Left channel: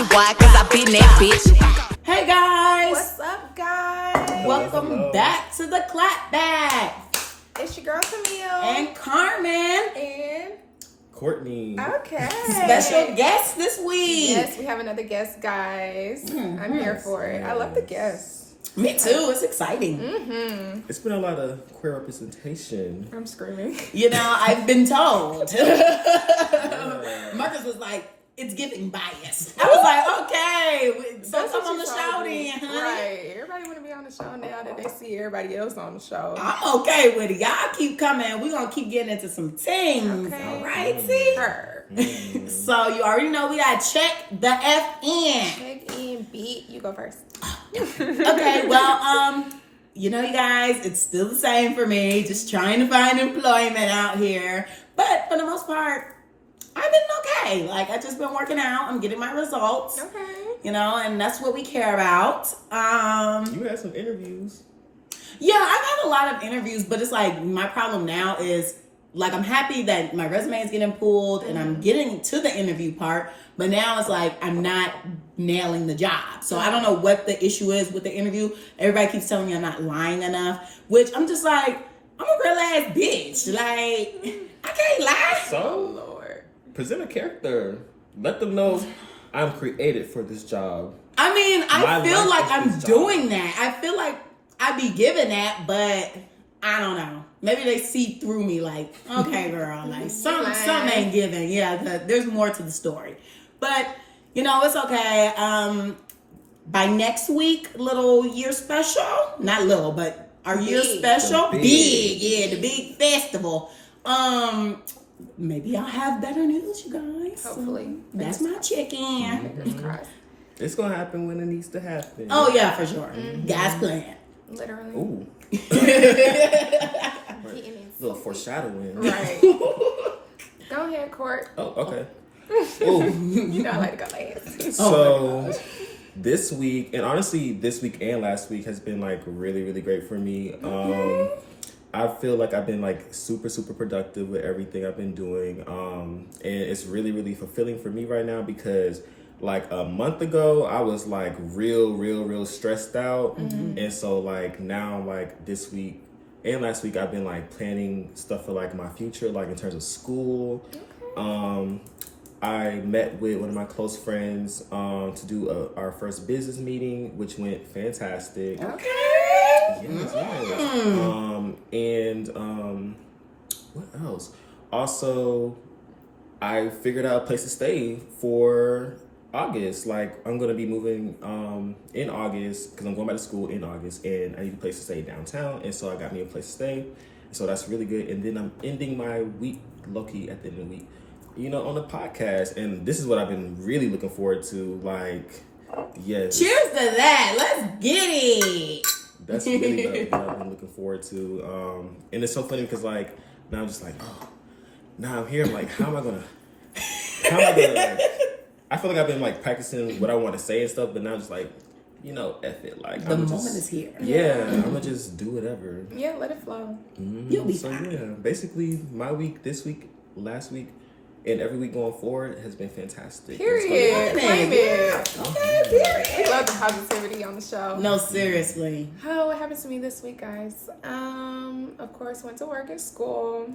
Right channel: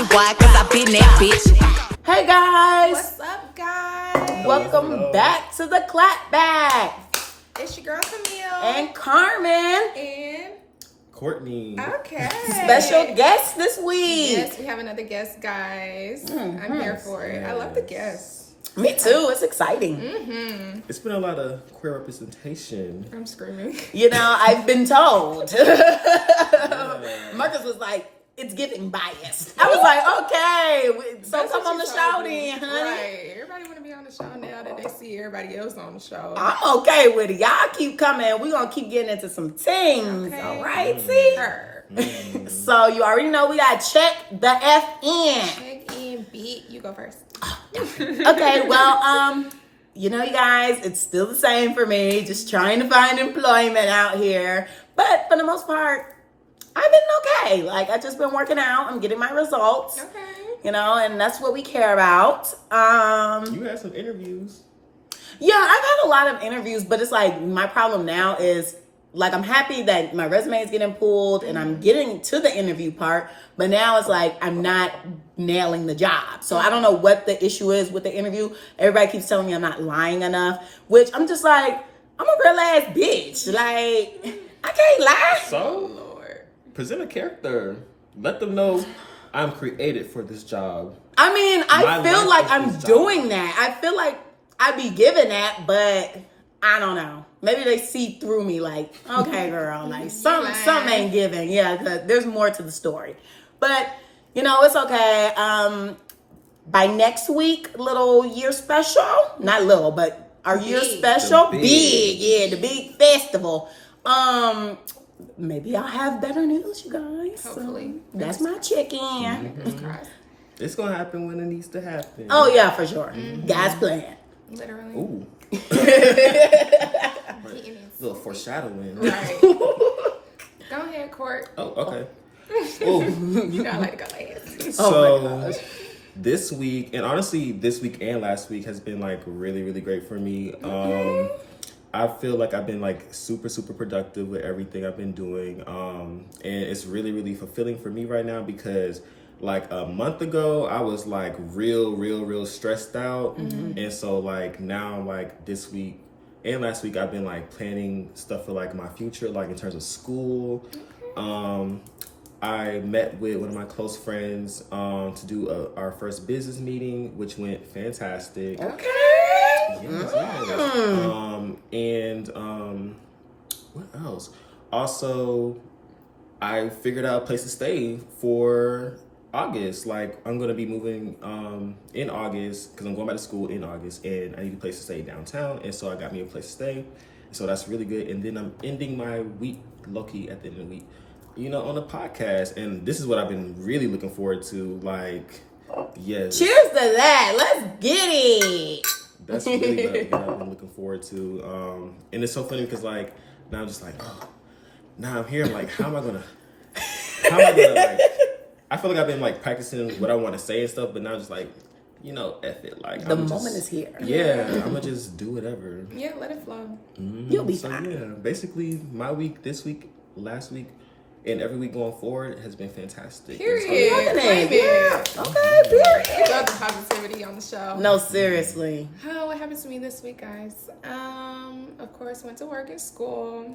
pussy. Why? Cause I been that bitch. Hey guys. What's up, guys? Welcome back to the Clapback. It's your girl Camille and Carmen and Kortne. Okay. Special guest this week. Yes, we have another guest, guys. I'm here for it. I love the guests. Me too. It's exciting. Mm-hmm. It's been a lot of queer representation. I'm screaming. You know, I've been told. Marcus was like, it's giving biased. I was like, okay, so come on the show then, honey. Right. Everybody want to be on the show now that they see everybody else on the show. I'm okay with it. Y'all keep coming. We're going to keep getting into some things. Okay. All right, see? Mm. So you already know we got to check the F in. Check in, beat. You go first. Okay, well, you know, you guys, it's still the same for me. Just trying to find employment out here. But for the most part, I've been okay. Like, I've just been working out. I'm getting my results. Okay. You know, and that's what we care about. You had some interviews. Yeah, I've had a lot of interviews, but it's like my problem now is, like, I'm happy that my resume is getting pulled and I'm getting to the interview part, but now it's like I'm not nailing the job. So I don't know what the issue is with the interview. Everybody keeps telling me I'm not lying enough, which I'm just like, I'm a real ass bitch. Like, I can't lie. So, Lord. present a character. Let them know I'm created for this job. I mean, I feel like I'm this doing that. I feel like I be giving that, but I don't know. Maybe they see through me like, okay, girl, like something ain't giving. Yeah, there's more to the story. But, you know, it's okay. By next week, little year special, not little, but our year special, big. Yeah, the big festival. Maybe I'll have better news, you guys. Hopefully. That's my chicken. It's going to happen when it needs to happen. Oh, yeah, for sure. God's plan. Literally. Ooh. A little foreshadowing. Right. Go ahead, Court. Oh, okay. Ooh. You gotta let it go last. So, this week, and honestly, this week and last week has been like really, really great for me. I feel like I've been like super, super productive with everything I've been doing. And it's really, really fulfilling for me right now because like a month ago, I was like real stressed out. And so like now, like this week and last week, I've been like planning stuff for like my future, like in terms of school. I met with one of my close friends to do our first business meeting, which went fantastic. Okay. Yes. And what else? Also, I figured out a place to stay for August. Like, I'm gonna be moving in August because I'm going back to school in August, and I need a place to stay downtown. And so I got me a place to stay. So that's really good. And then I'm ending my week low-key at the end of the week, you know, on the podcast. And this is what I've been really looking forward to. Like, yes. Cheers to that. Let's get it. That's really what I've been looking forward to. And it's so funny because like now I'm just like, oh, now I'm here. I'm like, how am I gonna like? I feel like I've been like practicing what I want to say and stuff, but now I'm just like, you know, F it. Like the moment is here. Yeah, I'm gonna just do whatever. Yeah, let it flow. You'll be fine. Yeah, basically my week, this week, last week, and every week going forward has been fantastic. Period. Claim it. Okay, period. We love the positivity on the show. No, seriously. Oh, what happens to me this week, guys? Of course, went to work at school.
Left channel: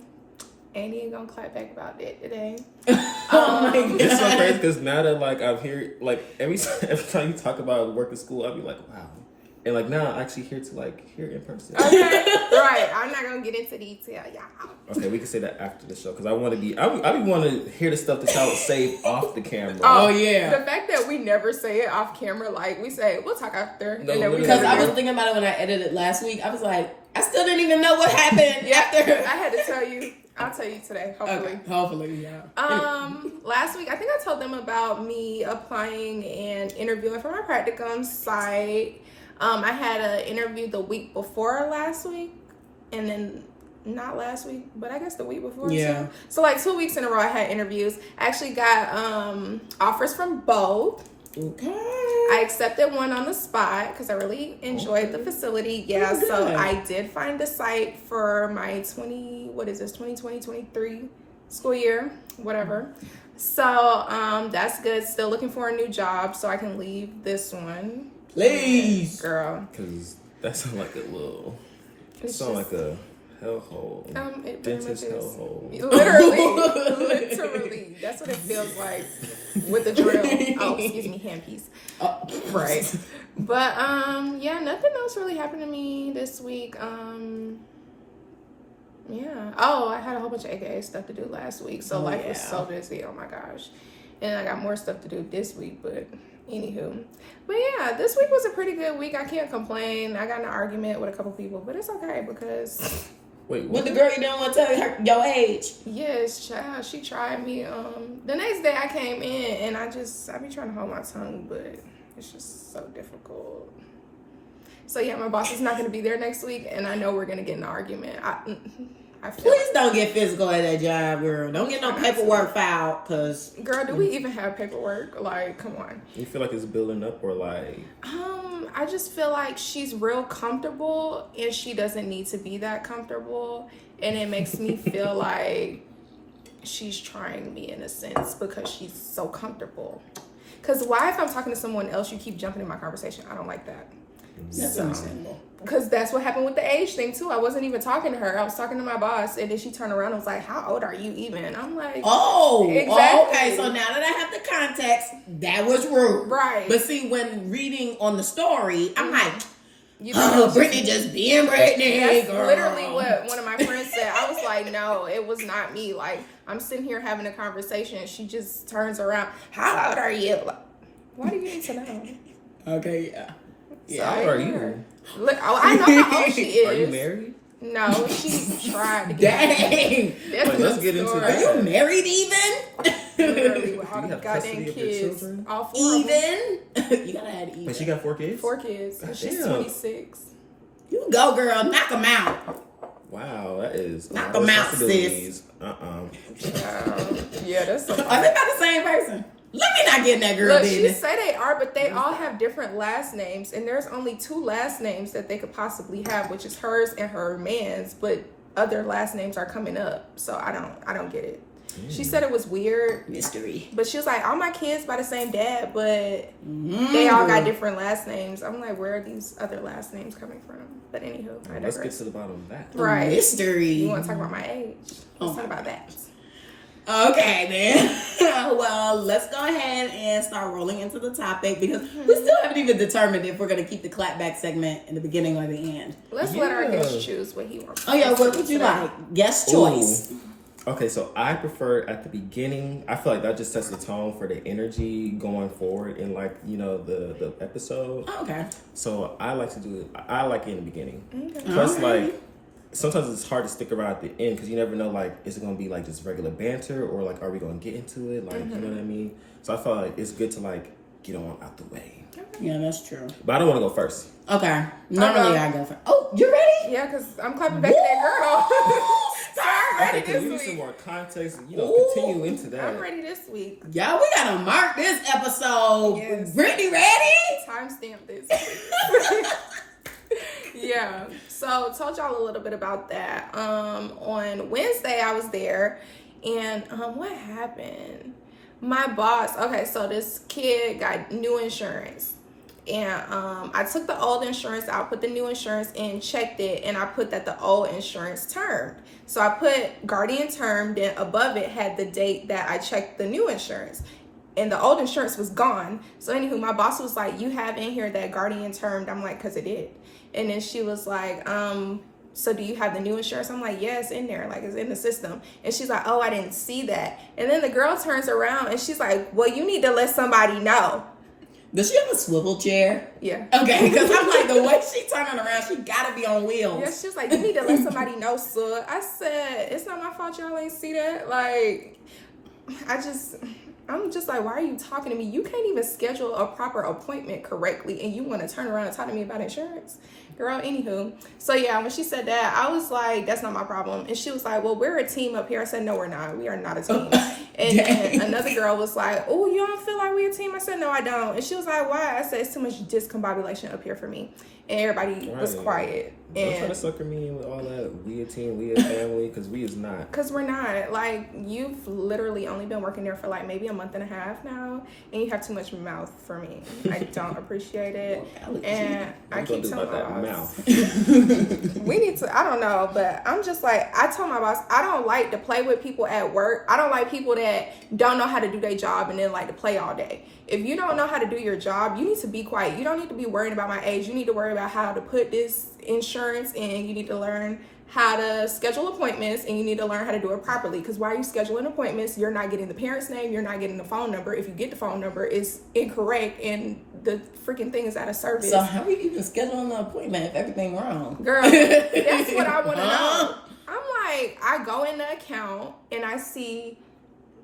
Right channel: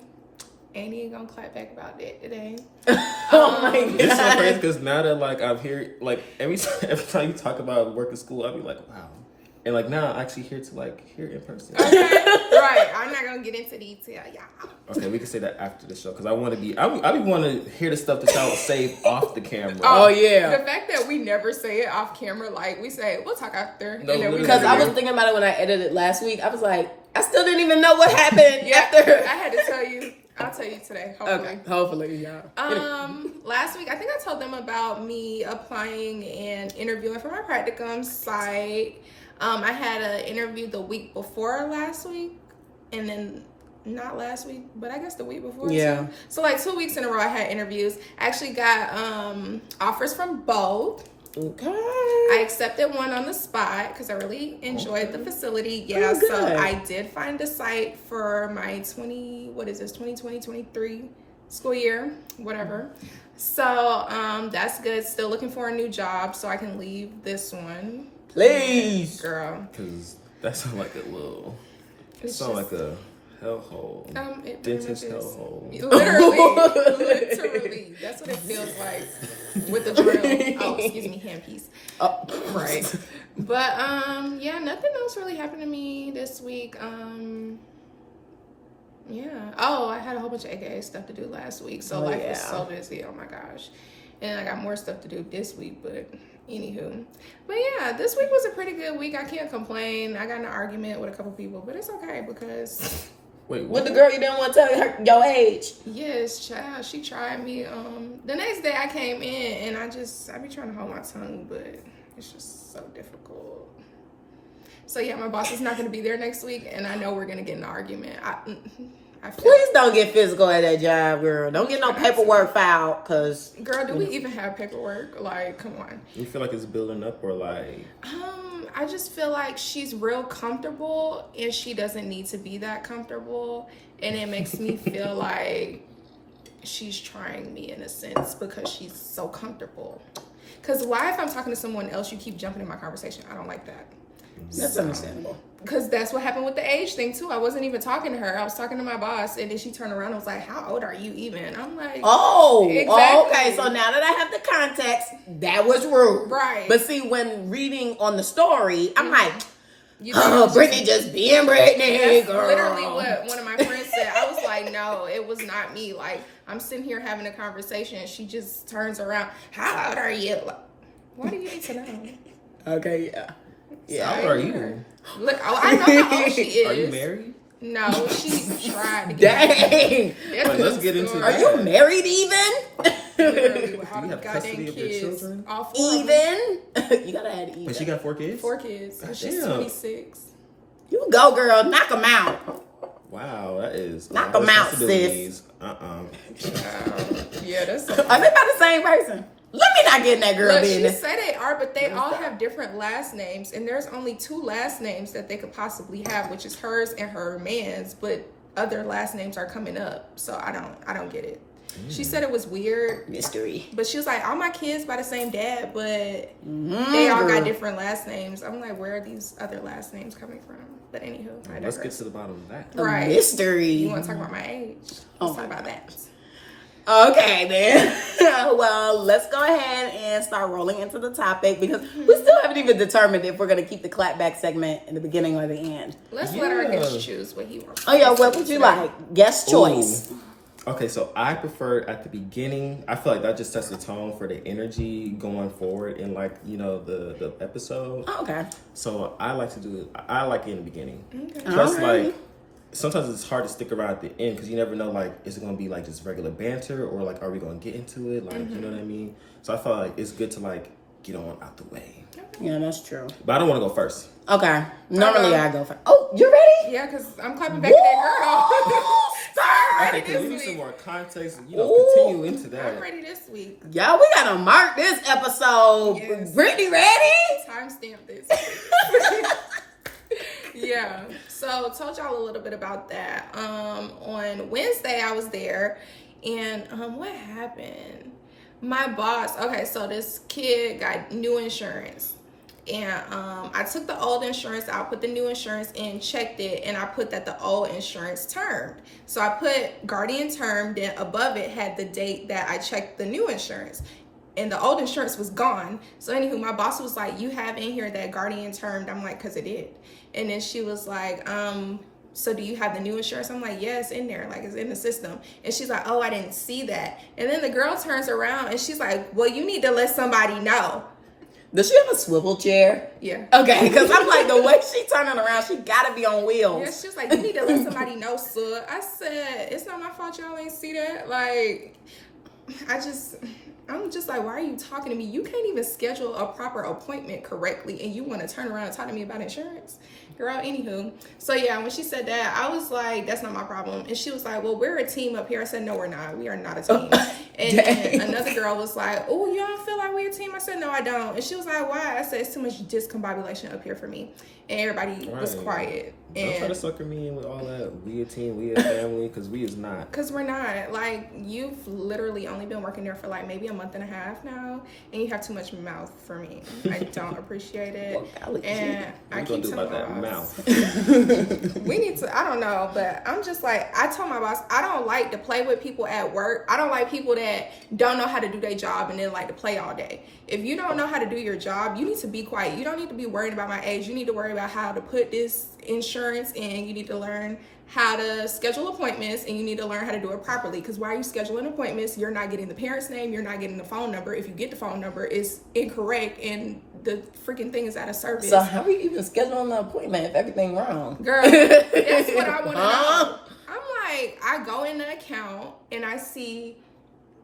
Ain't even gonna clap back about that today. Oh my God. It's so crazy because now that like I'm here, like every time you talk about work at school, I'll be like, wow. And like now I'm actually here to like hear in person. Okay, right. I'm not gonna get into detail, y'all. Okay, we can say that after the show because I want to be. I want to hear the stuff that y'all would save off the camera. Oh yeah. The fact that we never say it off camera, like we say, we'll talk after. No, and then we Because I was do. thinking about it when I edited last week. I was like, I still didn't even know what happened. Yeah, after. I had to tell you. I'll tell you today, hopefully. Okay, hopefully, yeah. Last week, I think I told them about me applying and interviewing for my practicum site. I had an interview the week before last week, and then not last week, but I guess the week before. Yeah. Too. So like 2 weeks in a row, I had interviews. I actually got offers from both. Okay. I accepted one on the spot because I really enjoyed the facility. Yeah, so I did find a site for my 2020-23 school year, whatever. So that's good. Still looking for a new job so I can leave this one. Please, girl. Because that sounds like a little. It It's sounds just- like a hellhole. It very much Dentist is. hellhole. Literally, that's what it feels like with the drill. Oh, excuse me, handpiece. Oh. Right. But yeah, nothing else really happened to me this week. Yeah. Oh, I had a whole bunch of AKA stuff to do last week, so life was so busy. Oh my gosh. And I got more stuff to do this week, but anywho. But yeah, this week was a pretty good week. I can't complain. I got in an argument with a couple people, but it's okay because Wait, with the girl you didn't want to tell her your age. yes, child, she tried me. The next day I came in and I be trying to hold my tongue, but it's just so difficult. So yeah, my boss is not going to be there next week, and I know we're going to get in an argument. I feel Please don't get physical at that job, girl. Don't get no paperwork filed, cause girl, do we even have paperwork? Like, come on. You feel like it's building up or like? I just feel like she's real comfortable, and she doesn't need to be that comfortable, and it makes me feel like she's trying me in a sense because she's so comfortable. Because why, if I'm talking to someone else, you keep jumping in my conversation? I don't like that. that's understandable. Because that's what happened with the age thing too. I wasn't even talking to her. I was talking to my boss, and then she turned around and was like, "How old are you even?" I'm like, Oh, exactly. okay. So now that I have the context, that was rude. Right. But see, when reading on the story, I'm like, You think oh, it was Brittany just being Brittany, That's girl. literally what one of my friends said. I was like, no, it was not me. Like, I'm sitting here having a conversation, and she just turns around. How old are you? Like, why do you need to know? Okay, yeah. Yeah, How old are you? Look, I know how old she is. Are you married? No, she tried to get Dang. That's Wait, let's the get into story. Are that. you married even? Literally, with all Do the you have goddamn custody of your kids. children? All 4 of them. Even? You gotta add even. But she got 4 kids? 4 kids. And she's Goddamn. 26. You go, girl. Knock them out. Wow, that is Knock a lot of 'em out, sis. responsibilities. Yeah, that's so Are they by the same person? Let me not get in that girl Look, she business. say they are, but they all have different last names, and there's only 2 last names that they could possibly have, which is hers and her man's. But other last names are coming up, so I don't get it. She said it was weird, Mystery. but she was like, all my kids by the same dad, but they all got different last names. I'm like, where are these other last names coming from? But anywho, I Let's digress. get to the bottom of that. Right. Mystery. You want to talk about my age? Let's talk about that. Okay, then. Well, let's go ahead and start rolling into the topic because we still haven't even determined if we're going to keep the clapback segment in the beginning or the end. Let's let our Yeah. guest choose what he wants. Oh, yeah. What would you like? Guest choice. Ooh. Okay, so I prefer at the beginning. I feel like that just sets the tone for the energy going forward in, like, you know, the episode. Oh, okay. So I like to do it. I like it in the beginning. Okay. Plus, Alright. like, sometimes it's hard to stick around at the end because you never know, like, is it going to be like just regular banter or like, are we going to get into it? Like, you know what I mean? So I feel like it's good to like get on out the way. Yeah, that's true. But I don't want to go first. Okay. Normally go. I go first. Oh, you ready? Yeah, because I'm clapping back to that girl. Sorry. Okay, because we need this some week. more context. You know, continue into that. I'm ready this week. Y'all, we gotta mark this episode. Yes. Brittany, ready? Timestamp this. Yeah. So told y'all a little bit about that. On Wednesday I was there, and what happened? My boss. Okay, so this kid got new insurance. And I took the old insurance out, put the new insurance in, checked it, and I put that the old insurance termed. So I put Guardian term, then above it had the date that I checked the new insurance. And the old insurance was gone. So anywho, my boss was like, you have in here that Guardian termed. I'm like, because it did. And then she was like, so do you have the new insurance? I'm like, yeah, it's in there. Like, it's in the system. And she's like, oh, I didn't see that. And then the girl turns around and she's like, well, you need to let somebody know. Does she have a swivel chair? Yeah. Okay, because I'm like, the way she turning around, she gotta be on wheels. Yeah, she's like, you need to let somebody know, sir. I said, it's not my fault y'all ain't see that. Like, I'm just like, why are you talking to me? You can't even schedule a proper appointment correctly, and you want to turn around and talk to me about insurance? Girl, anywho. So, yeah, when she said that, I was like, that's not my problem. And she was like, well, we're a team up here. I said, no, we're not. We are not a team. And then another girl was like, oh, you don't feel like we're a team? I said, no, I don't. And she was like, why? I said, it's too much discombobulation up here for me. And everybody was quiet. Don't try to sucker me in with all that we a team, we a family, because we is not. Because we're not. Like, you've literally only been working there for like maybe a month and a half now, and you have too much mouth for me. I don't appreciate it. And what I you keep gonna do telling about my that boss, mouth? we need to, I don't know, but I'm just like, I told my boss, I don't like to play with people at work. I don't like people that don't know how to do their job and then like to play all day. If you don't know how to do your job, you need to be quiet. You don't need to be worried about my age. You need to worry about how to put this insurance in. You need to learn how to schedule appointments, and you need to learn how to do it properly. Because while you're scheduling appointments, you're not getting the parent's name. You're not getting the phone number. If you get the phone number, it's incorrect, and the freaking thing is out of service. So how are you even scheduling the appointment if everything wrong? Girl, that's what I want to know. I'm like, I go in the account, and I see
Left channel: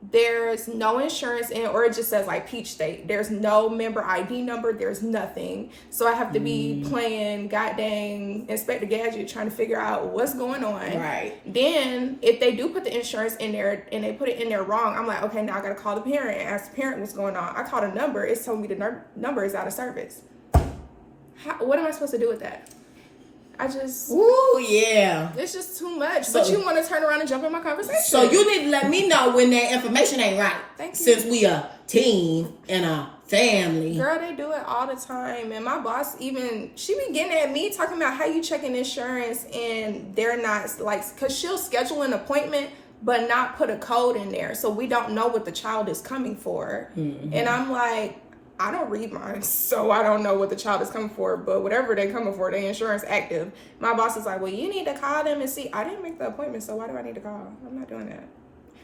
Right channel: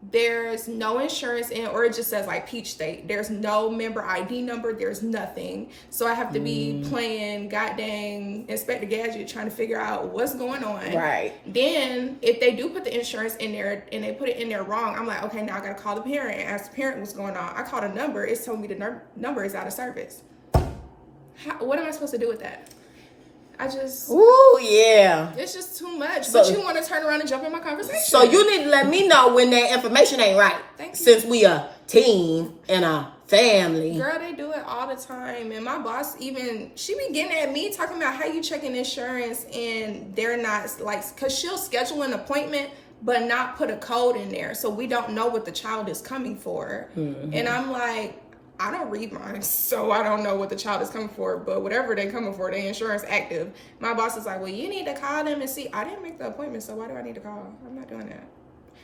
there's no insurance in, or it just says like Peach State. There's no member ID number. There's nothing. So I have to be playing goddamn Inspector Gadget trying to figure out what's going on. Right. Then if they do put the insurance in there and they put it in there wrong, I'm like, okay, now I got to call the parent and ask the parent what's going on. I called a number. It's telling me the number is out of service. What am I supposed to do with that? Ooh, yeah. It's just too much. So, but you want to turn around and jump in my conversation. So you need to let me know when that information ain't right. Thank you. Since we a team and a family. Girl, they do it all the time. And my boss even, she be getting at me talking about how you checking insurance and they're not like, because she'll schedule an appointment but not put a code in there. So we don't know what the child is coming for. Mm-hmm. And I'm like, I don't read mine, so I don't know what the child is coming for, but whatever they're coming for, their insurance active. My boss is like, well, you need to call them and see. I didn't make the appointment, so why do I need to call? I'm not doing that.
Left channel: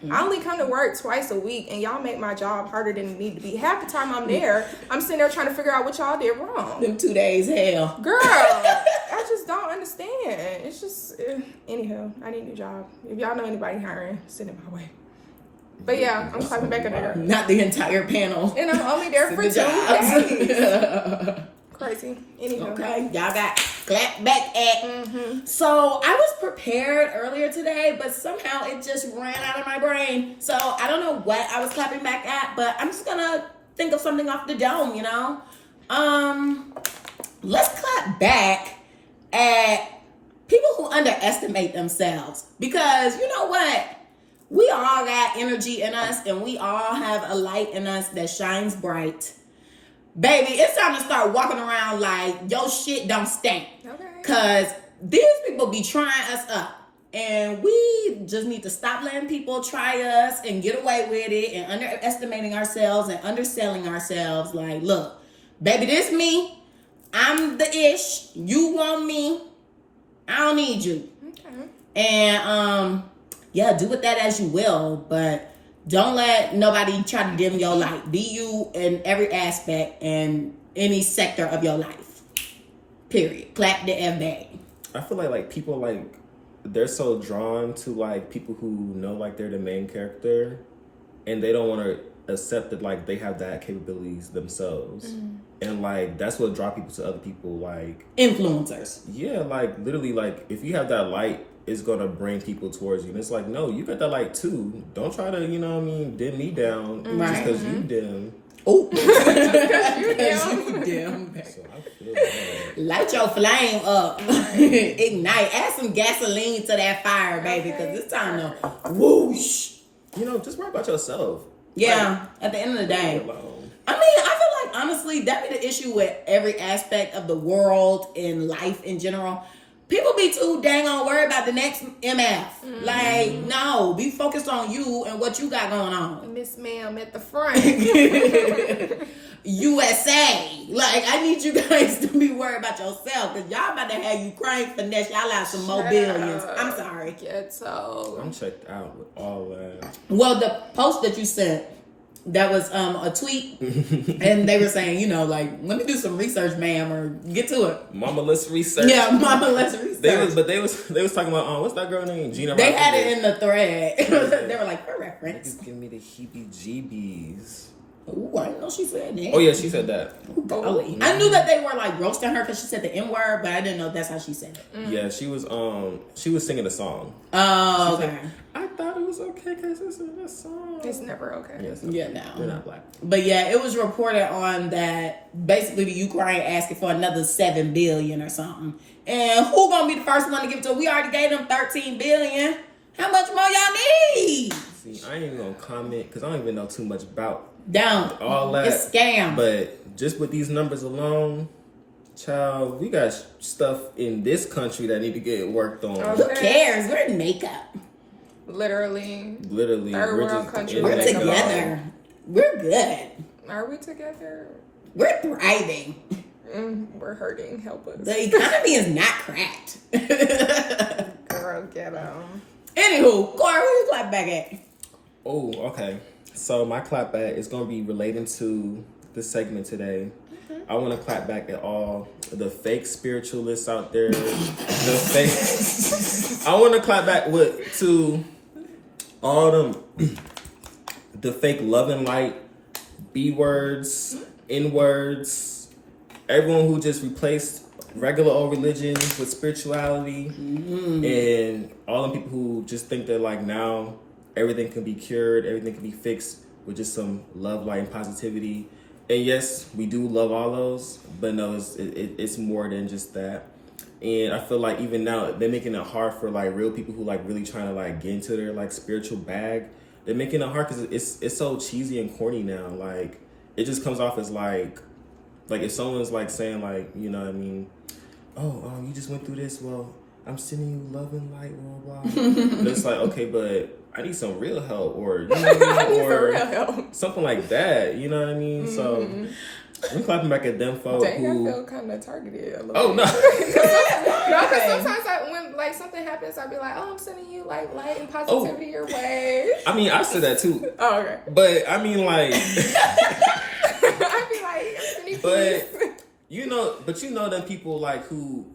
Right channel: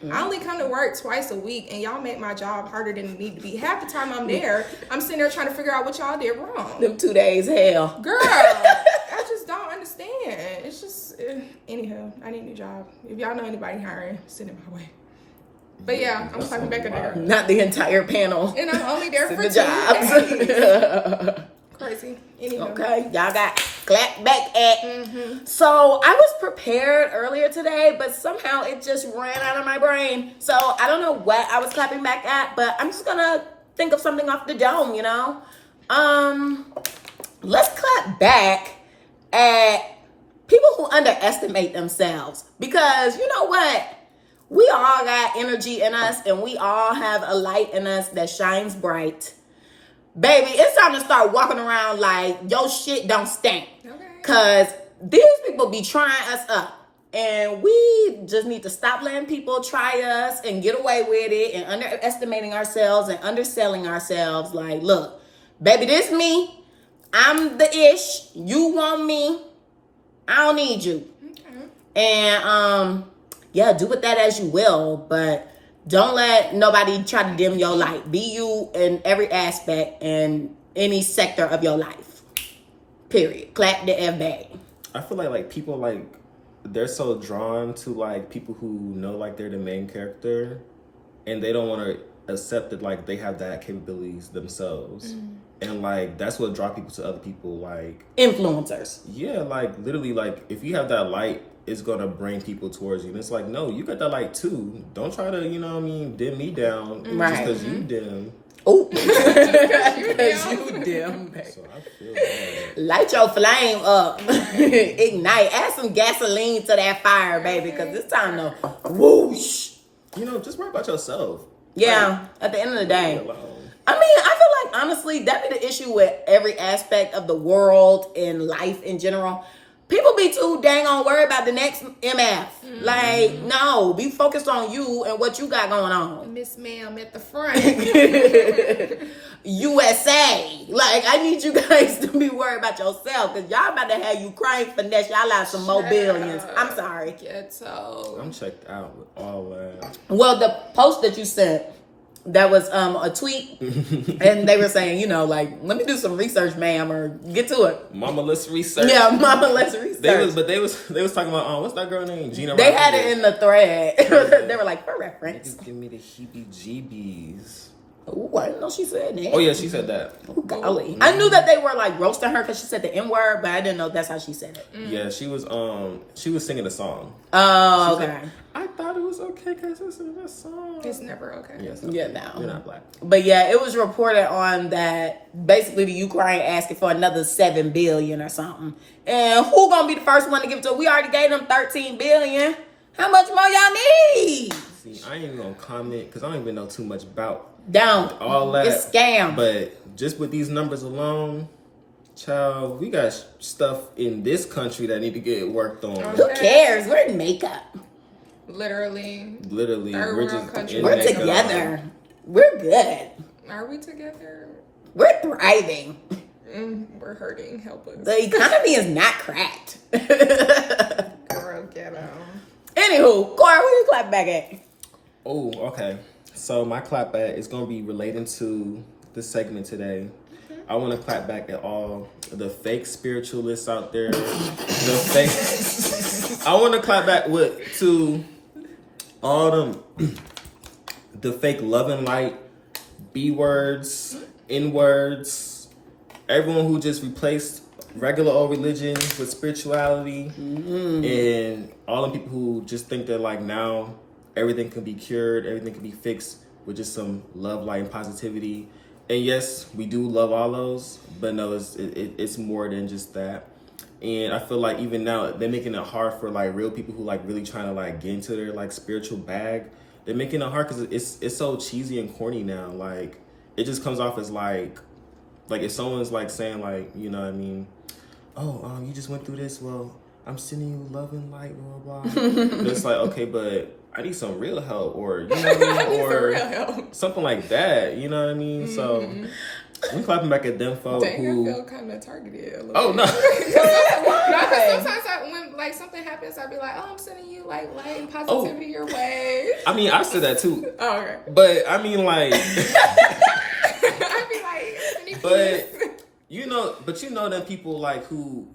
Mm-hmm. I only come to work twice a week, and y'all make my job harder than it need to be. Half the time I'm there, I'm sitting there trying to figure out what y'all did wrong. Them 2 days, hell. Girl, I just don't understand. It's just, anywho, I need a new job. If y'all know anybody hiring, send it my way. But yeah, I'm clapping back at her. Not the entire panel. And I'm only there for 2 jobs. days. Crazy. Anywho. Okay, y'all got Clapback at. Mm-hmm. So I was prepared earlier today, but somehow it just ran out of my brain. So I don't know what I was clapping back at, but I'm just gonna think of something off the dome, you know? Let's clap back at people who underestimate themselves. Because you know what? We all got energy in us, and we all have a light in us that shines bright. Baby, it's time to start walking around like your shit don't stink. Okay. Because these people be trying us up. And we just need to stop letting people try us and get away with it and underestimating ourselves and underselling ourselves. Like, look, baby, this me. I'm the ish. You want me. I don't need you. Okay. And, yeah, do with that as you will, but don't let nobody try to dim your light. Be you in every aspect and any sector of your life. Period. Clap the F bag. I feel like people like they're so drawn to like people who know like they're the main character, and they don't want to accept that like they have that capabilities themselves. And like that's what draw people to other people, like influencers. Yeah, like literally, like if you have that light, it's gonna bring people towards you. And it's like, no, you got that light too. Don't try to, you know what I mean, dim me down just because you dim. Oh, because you dim. So I feel that. Light your flame up. Ignite. Add some gasoline to that fire, baby, because it's time to whoosh. You know, just worry about yourself. Yeah, like, at the end of the day. Alone. I mean, I feel like, honestly, that be the issue with every aspect of the world and life in general. People be too dang on worried about the next MF. Like, no, be focused on you and what you got going on. Miss Ma'am at the front. USA. Like, I need you guys to be worried about yourself, because y'all about to have Ukraine finesse y'all out some more billions. I'm sorry. Ghetto. I'm checked out with all that. Well, the post that you sent, that was a tweet, and they were saying, you know, like, let me do some research, ma'am, or get to it. Mama, let's research. Yeah, mama, let's research. They was talking about what's that girl name? Gina. They had it in the thread. They were like, for reference. Niggas give me the heebie-jeebies. Ooh, I didn't know she said that. Oh yeah, she said that. Ooh, golly. I knew that they were like roasting her because she said the N word, but I didn't know that's how she said it. Yeah, she was singing a song. Oh, okay. Like, I thought it was okay because it's in a song. It's never okay. Yes, Yeah, no. You're not black. But yeah, it was reported on that basically the Ukraine asking for another $7 billion or something. And who gonna be the first one to give it to her? We already gave them $13 billion. How much more y'all need? See, I ain't even gonna comment because I don't even know too much about Don't. all that. It's scam. But just with these numbers alone, child, we got stuff in this country that need to get worked on. Who cares? We're in makeup. Literally. We're world just country. We're Makeup. together. We're good. Are we together? We're thriving. We're hurting. Help us. The economy is not cracked. Girl, get on. Anywho, Corey, where you clap back at? Oh, okay. So my clap back is gonna be relating to the segment today. I want to clap back at all the fake spiritualists out there. I want to clap back to all them the fake love and light B words, N words, everyone who just replaced regular old religion with spirituality, and all the people who just think that like now everything can be cured, everything can be fixed with just some love, light, and positivity. And yes, we do love all those, but no, it's more than just that. And I feel like even now they're making it hard for like real people who like really trying to like get into their like spiritual bag. They're making it hard because it's so cheesy and corny now. Like it just comes off as like if someone's like saying like, you know what I mean, oh, you just went through this. Well, I'm sending you love and light, blah, blah. And it's like, okay, but I need some real help, or you know what I mean, or real help. Something like that. You know what I mean? So I'm clapping back at them folks who. I feel kind of targeted a little Oh bit. no! No, because sometimes when like something happens, I'd be like, "Oh, I'm sending you like light and positivity your way." I mean, I said that too. Oh, okay. But I mean, like, I'd be like, I'm sending but peace. you know them people like who.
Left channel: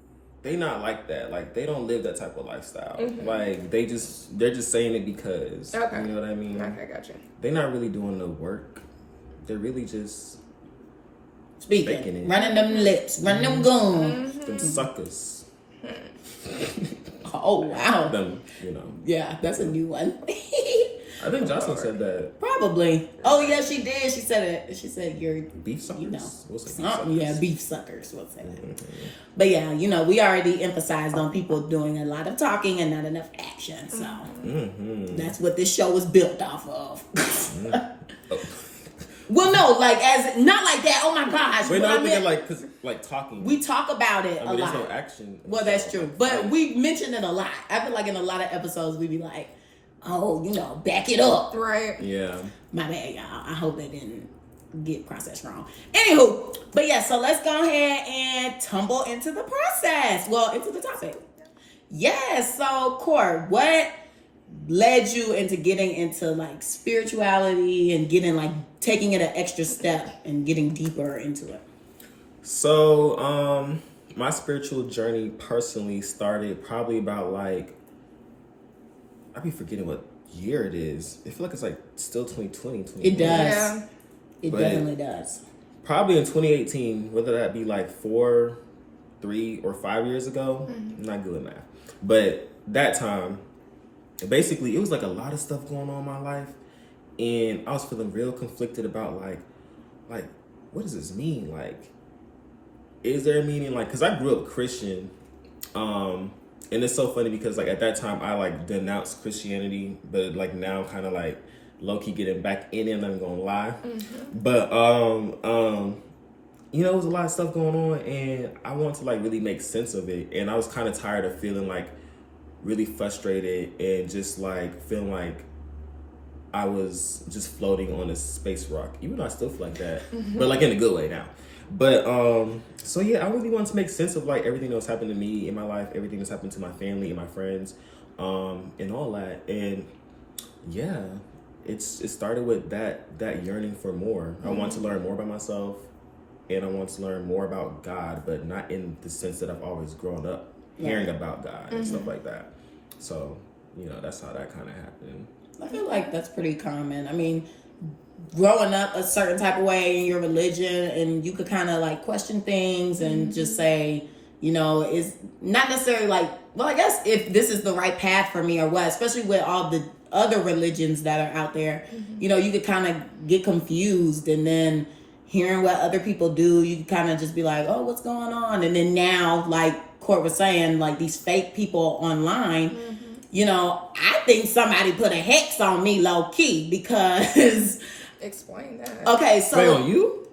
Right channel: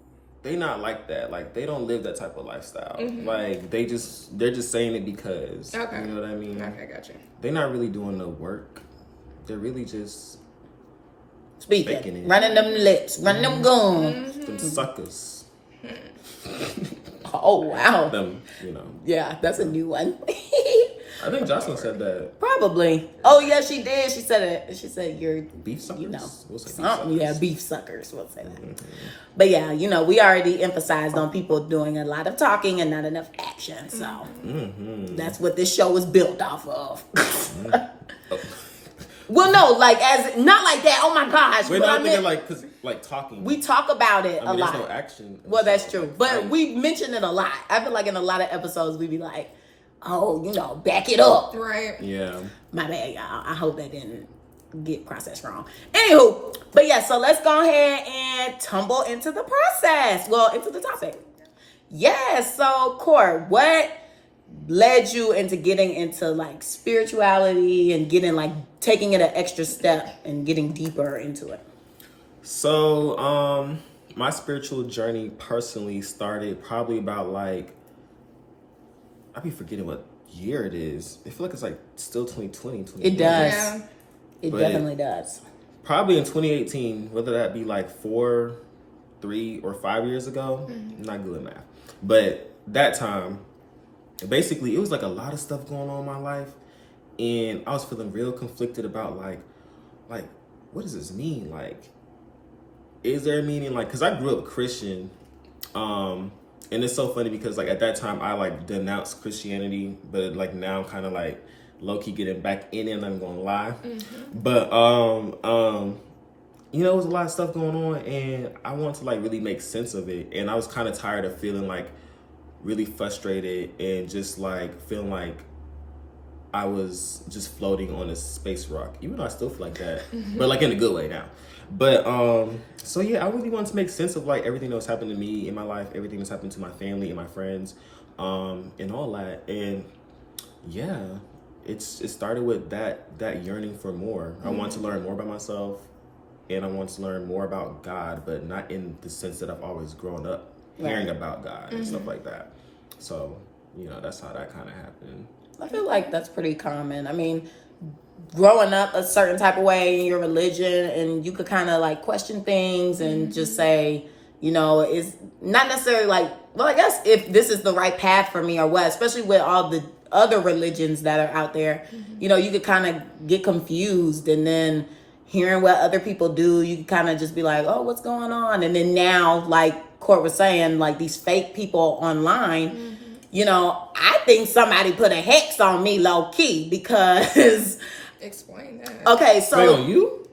They not like that. Like they don't live that type of lifestyle. Like they're just saying it because. Okay. You know what I mean? Okay, gotcha. They're not really doing the work. They're really just Speaking, faking it. running them lips, running them guns. Them suckers. Oh wow. Them, you know. Yeah, that's a new one. I think Jocelyn said that. Probably. Oh yeah, she did. She said it. She said you're Beef suckers? You know, We'll say beef something. suckers. Yeah, beef suckers. We'll say that. But yeah, you know, we already emphasized on people doing a lot of talking and not enough action. So that's what this show was built off of. Well, no, like as not like that. Oh my gosh! Wait, but no, I I'm thinking meant- like, cause like talking. we talk about it I a mean, lot. there's no action. Well, that's true. Like, But we mention it a lot. I feel like in a lot of episodes we be like, oh, you know, back it up. Right. Yeah. My bad, y'all. I hope that didn't get processed wrong. Anywho, but yeah, so let's go ahead and tumble into the process. Well, into the topic. Yes, so Court, what led you into getting into like spirituality and getting like taking it an extra step and getting deeper into it? So, my spiritual journey personally started probably about like, I be forgetting what year it is. I feel like it's like still 2020, It does. Yeah. It But- definitely does. Probably in 2018, whether that be like 4, 3, or 5 years ago. I'm not good at math. But that time, basically, it was like a lot of stuff going on in my life. And I was feeling real conflicted about like, what does this mean? Like, is there a meaning? Like, because I grew up Christian. And it's so funny because like at that time, I like denounced Christianity. But like now I'm kind of like low-key getting back in it, and I'm gonna lie. But you know, it was a lot of stuff going on, and I wanted to like really make sense of it. And I was kind of tired of feeling like really frustrated and just like feeling like I was just floating on a space rock, even though I still feel like that, but like in a good way now. But so yeah, I really wanted to make sense of like everything that was happening to me in my life, everything that's happened to my family and my friends, and all that. And yeah, it started with that yearning for more. I want to learn more about myself, and I want to learn more about God, but not in the sense that I've always grown up hearing about God and stuff like that. So, you know, that's how that kind of happened. I feel like that's pretty common. I mean, growing up a certain type of way in your religion, and you could kind of like question things and just say, you know, it's not necessarily like, well, I guess if this is the right path for me or what, especially with all the other religions that are out there, you know, you could kind of get confused, and then hearing what other people do, you could kind of just be like, oh, what's going on? And then now, like Court was saying, like these fake people online, you know, I think somebody put a hex on me low key because... Explain that. Okay, so... Wait, on you?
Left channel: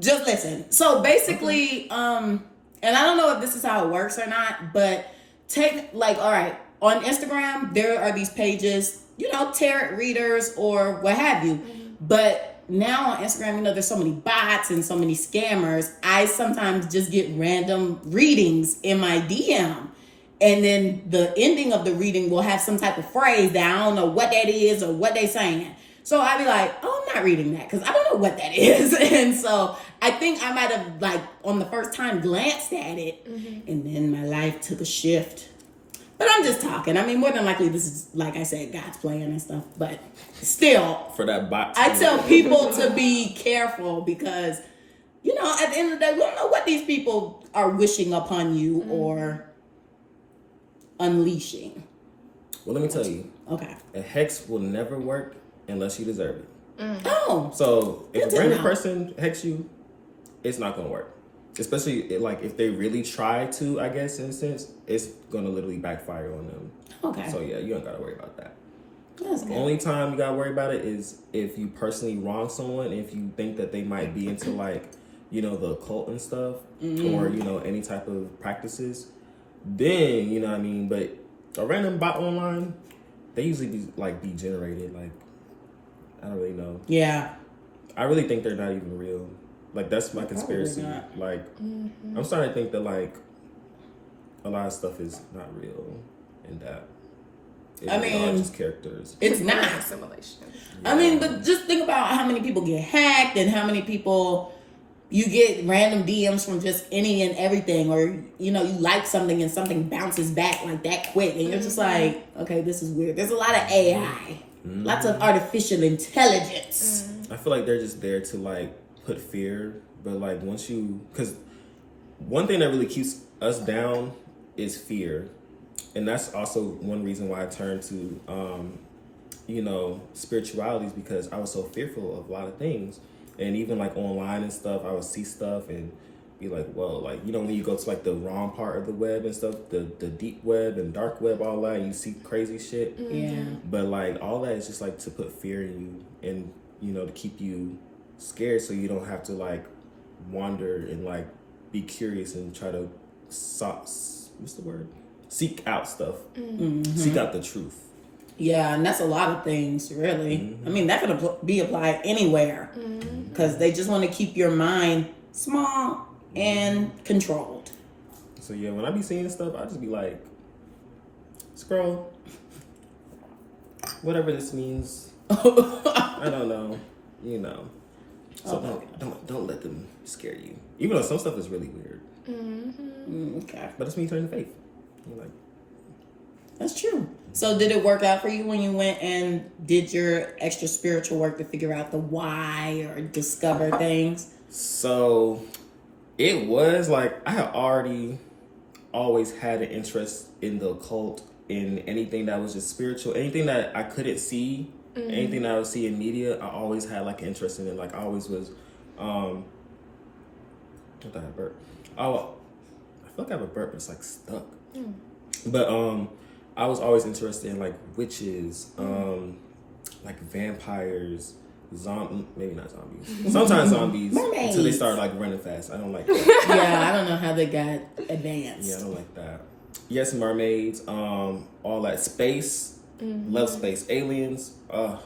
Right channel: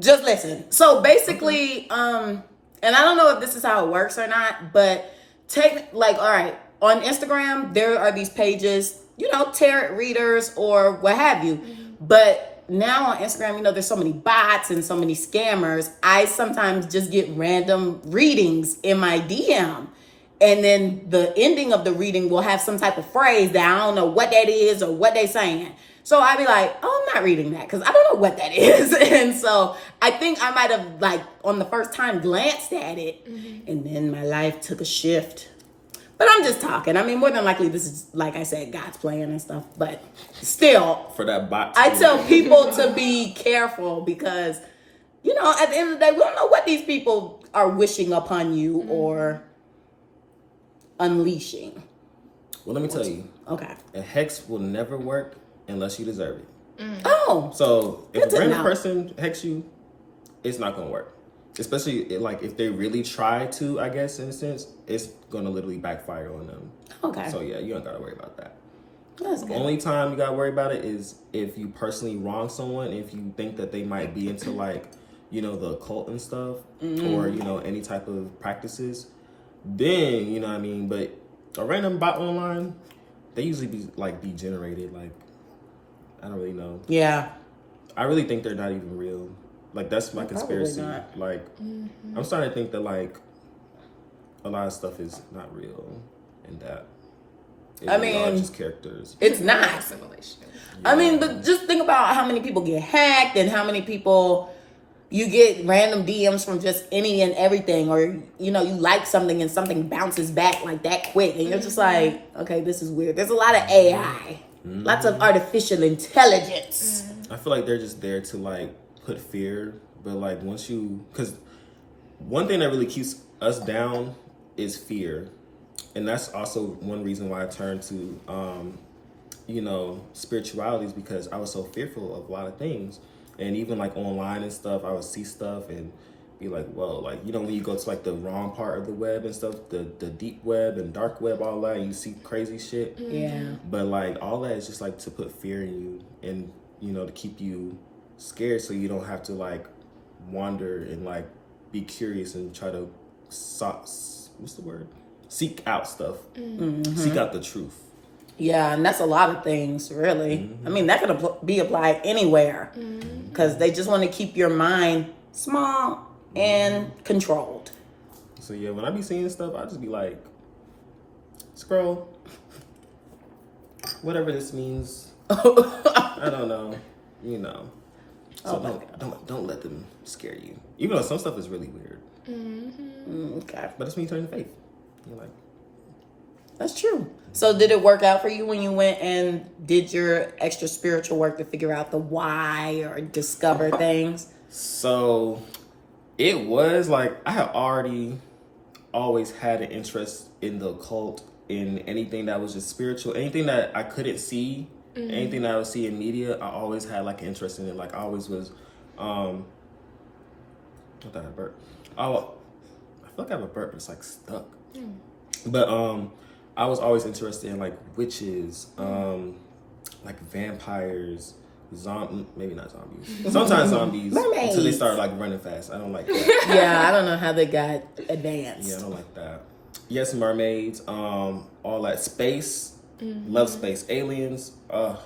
Just listen. So basically, and I don't know if this is how it works or not, but all right, on Instagram, there are these pages, you know, tarot readers or what have you. But now on Instagram, you know, there's so many bots and so many scammers. I sometimes just get random readings in my DM. And then the ending of the reading will have some type of phrase that I don't know what that is or what they saying. So I'd be like, oh, I'm not reading that because I don't know what that is. And so I think I might have, like, on the first time glanced at it. And then my life took a shift. But I'm just talking. I mean, more than likely, this is, like I said, God's plan and stuff. But still, For that bot. I tell people to be careful because, you know, at the end of the day, we don't know what these people are wishing upon you or unleashing. Well, let me tell you. Okay. A hex will never work unless you deserve it. Oh. So if Good a to random know. person hex you, it's not going to work. Especially like if they really try to, I guess, in a sense, it's going to literally backfire on them. Okay. So yeah, you don't got to worry about that. That's The good. only time you got to worry about it is if you personally wrong someone, if you think that they might be into like, you know, the occult and stuff, or, you know, any type of practices, then, you know what I mean? But a random bot online, they usually be generated. Like, I don't really know. Yeah. I really think they're not even real. Like, that's my conspiracy. not. Like, I'm starting to think that, like, a lot of stuff is not real and that I really are mean, just characters. It's not. Assimilation. I mean, just think about how many people get hacked and how many people you get random DMs from just any and everything, or, you know, you like something and something bounces back like that quick. And you're just like, okay, this is weird. There's a lot of AI, lots of artificial intelligence. I feel like they're just there to, like, put fear. But, like, because one thing that really keeps us down is fear. And that's also one reason why I turned to, you know, spirituality, is because I was so fearful of a lot of things. And even like online and stuff, I would see stuff and be like, whoa, like, you know, when you go to like the wrong part of the web and stuff, the deep web and dark web, all that, and you see crazy shit. Yeah. But like all that is just like to put fear in you and, you know, to keep you scared so you don't have to like wander and like be curious and try to seek out stuff. Seek out the truth. Yeah, and that's a lot of things, really. I mean, that could be applied anywhere because they just want to keep your mind small and controlled. So yeah, when I be seeing stuff, I just be like, scroll. Whatever this means. I don't know. You know. So don't let them scare you. Even though some stuff is really weird. Okay. But that's when you turn to faith. You're like, That's true. So did it work out for you when you went and did your extra spiritual work to figure out the why or discover things? so it was like I had always had an interest in the occult, in anything that was just spiritual, anything that I couldn't see, anything that I would see in media. I always had like an interest in it. Like I always was. What the hell, burp? I feel like I have a burp, but it's like stuck. But I was always interested in like witches, like vampires, maybe not zombies. Sometimes zombies Mermaids. until they start like running fast. I don't like that. Yeah, I don't know how they got advanced. Yeah, I don't like that. Yes, mermaids, all that space, love space, aliens. I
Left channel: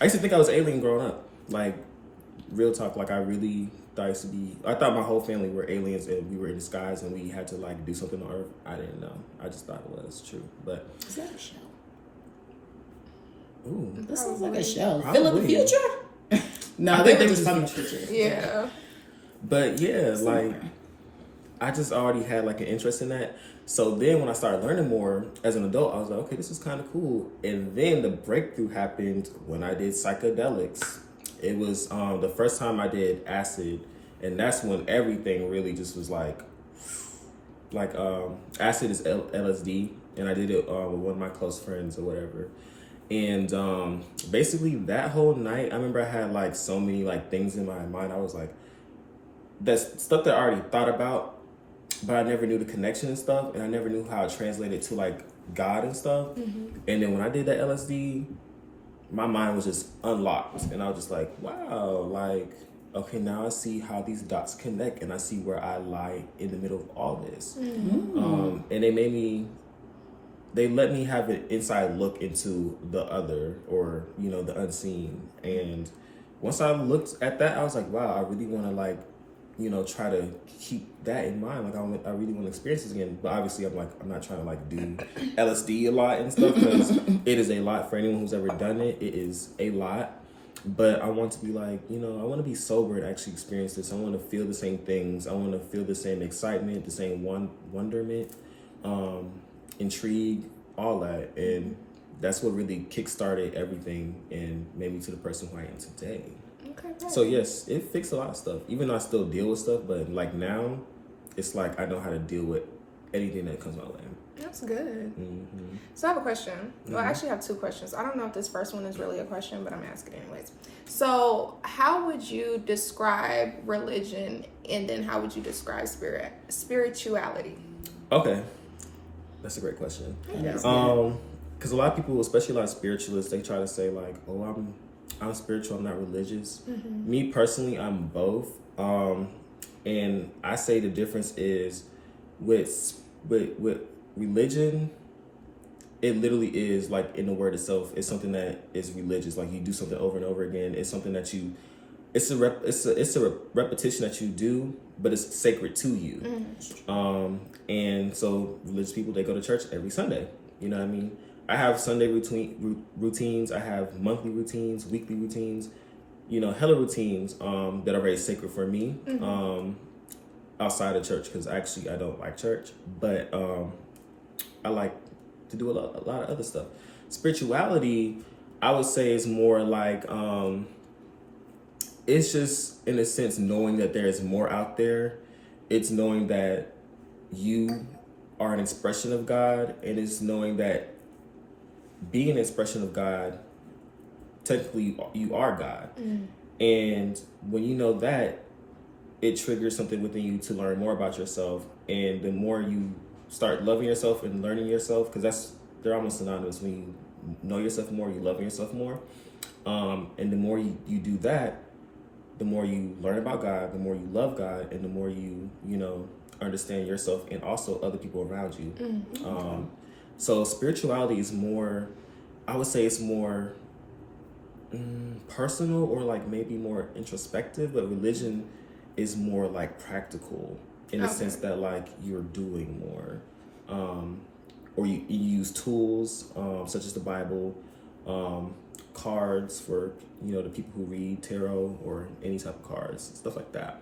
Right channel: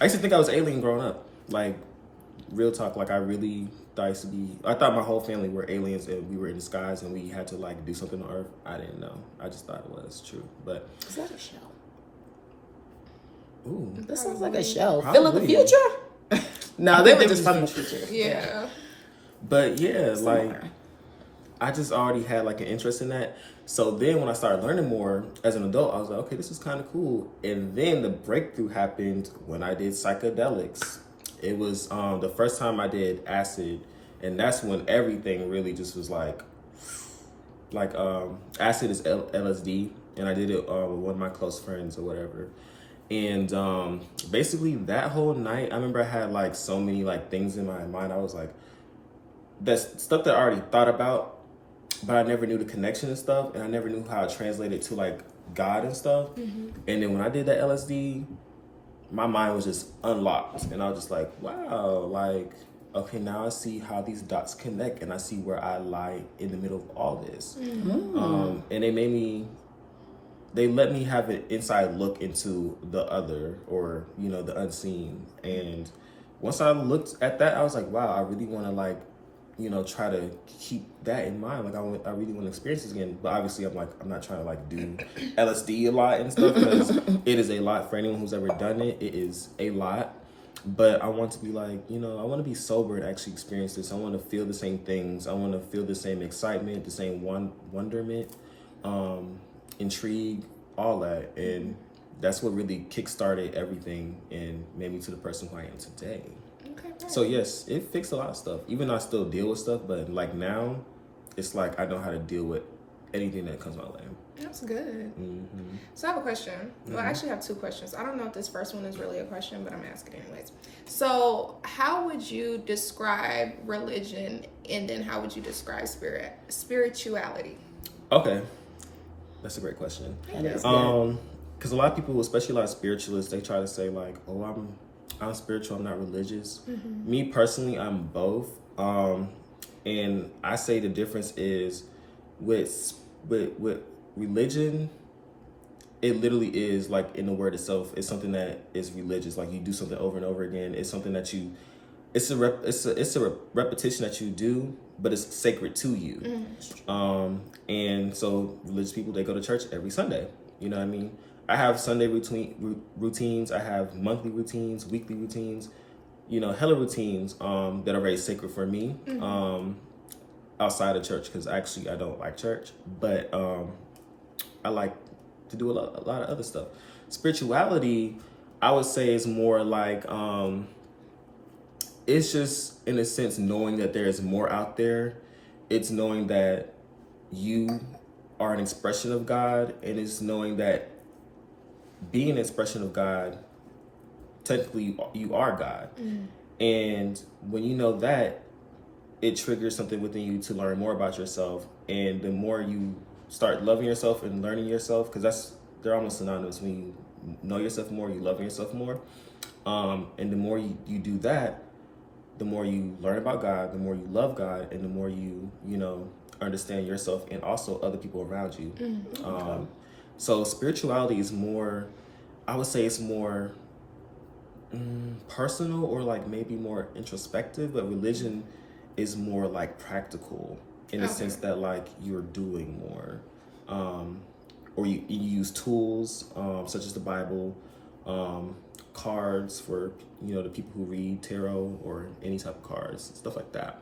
used to think I was alien growing up. Like, real talk, like I really I thought my whole family were aliens and we were in disguise and we had to like do something on Earth. I didn't know. I just thought it was true. But Is that a show? ooh, This sounds like a show. Probably. Phil of the Future? No, I they think were they just was from the the future. Yeah. but yeah, like I just already had like an interest in that. So then when I started learning more as an adult, I was like, okay, this is kind of cool. And then the breakthrough happened when I did psychedelics. It was the first time I did acid, and that's when everything really just was like acid is LSD, and I did it with one of my close friends or whatever. And basically that whole night, I remember I had like so many like things in my mind. I was like, that's stuff that I already thought about, but I never knew the connection and stuff, and I never knew how it translated to like God and stuff. And then when I did that LSD, my mind was just unlocked, and I was just like, wow, like, okay, now I see how these dots connect, and I see where I lie in the middle of all this. And they let me have an inside look into the other, or, you know, the unseen. And once I looked at that, I was like, wow, I really want to, like, you know, try to keep that in mind. Like, I really want to experience this again. But obviously, I'm not trying to, like, do LSD a lot and stuff, because it is a lot for anyone who's ever done it. It is a lot. But I want to be like, you know, I want to be sober and actually experience this. I want to feel the same things. I want to feel the same excitement, the same wonderment, intrigue, all that. And that's what really kickstarted everything and made me to the person who I am today. Okay, right. So yes, it fixed a lot of stuff. Even though I still deal with stuff, but like now, it's like I know how to deal with anything that comes my way. That's good. So I have a question. Well, I actually have two questions. I don't know if this first one is really a question, but I'm asking anyways. So how would you describe religion, and then how would you describe spirituality? Okay, that's a great question. Because a lot of people, especially a lot of spiritualists, they try to say like, oh, I'm spiritual, I'm not religious. Me personally, I'm both. And I say the difference is with religion, it literally is like in the word itself. It's something that is religious. Like you do something over and over again. It's something that it's a repetition that you do, but it's sacred to you. And so religious people, they go to church every Sunday. You know what I mean? I have Sunday routines. I have monthly routines, weekly routines, you know, hella routines that are very sacred for me outside of church, because actually I don't like church, but I like to do a lot of other stuff. Spirituality, I would say, is more like it's just, in a sense, knowing that there is more out there. It's knowing that you are an expression of God, and it's knowing that being an expression of God, technically you are God. And when you know that, it triggers something within you to learn more about yourself. And the more you start loving yourself and learning yourself, because they're almost synonymous. When you know yourself more, you love yourself more. And the more you do that, the more you learn about God, the more you love God, and the more you know, understand yourself and also other people around you. So spirituality is more, I would say it's more personal, or like maybe more introspective, but religion is more like practical in the sense that like you're doing more, or you use tools such as the Bible, cards for, you know, the people who read tarot or any type of cards, stuff like that.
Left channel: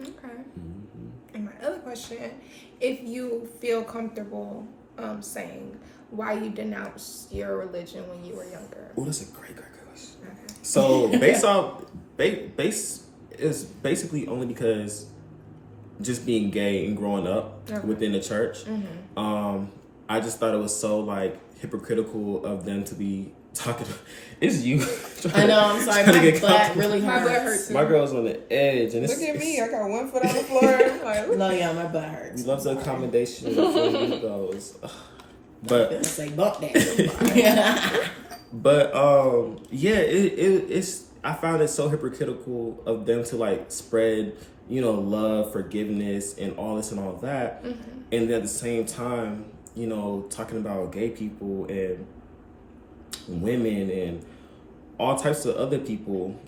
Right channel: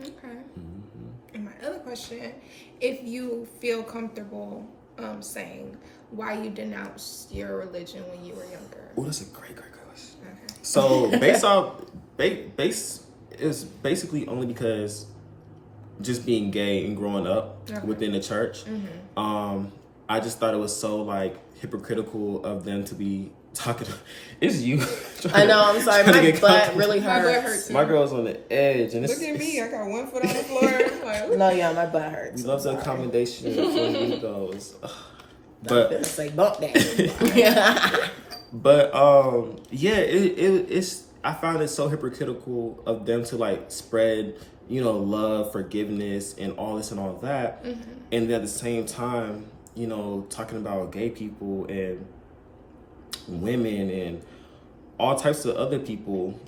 Okay. And my other question, if you feel comfortable saying why you denounced your religion when you were younger. Oh, that's a great question. Okay. So base is basically only because just being gay and growing up within the church, I just thought it was so like hypocritical of them to be talking. It's you. I know. I'm sorry. My butt really hurts. My butt hurts. My girl's on the edge, and look at me. I got one foot on the floor. Like, no, yeah, my butt hurts. We love the accommodation for you those. But it's like bump that. But yeah, it's. I found it so hypocritical of them to like spread, you know, love, forgiveness, and all this and all that, and at the same time, you know, talking about gay people and women and all types of other people,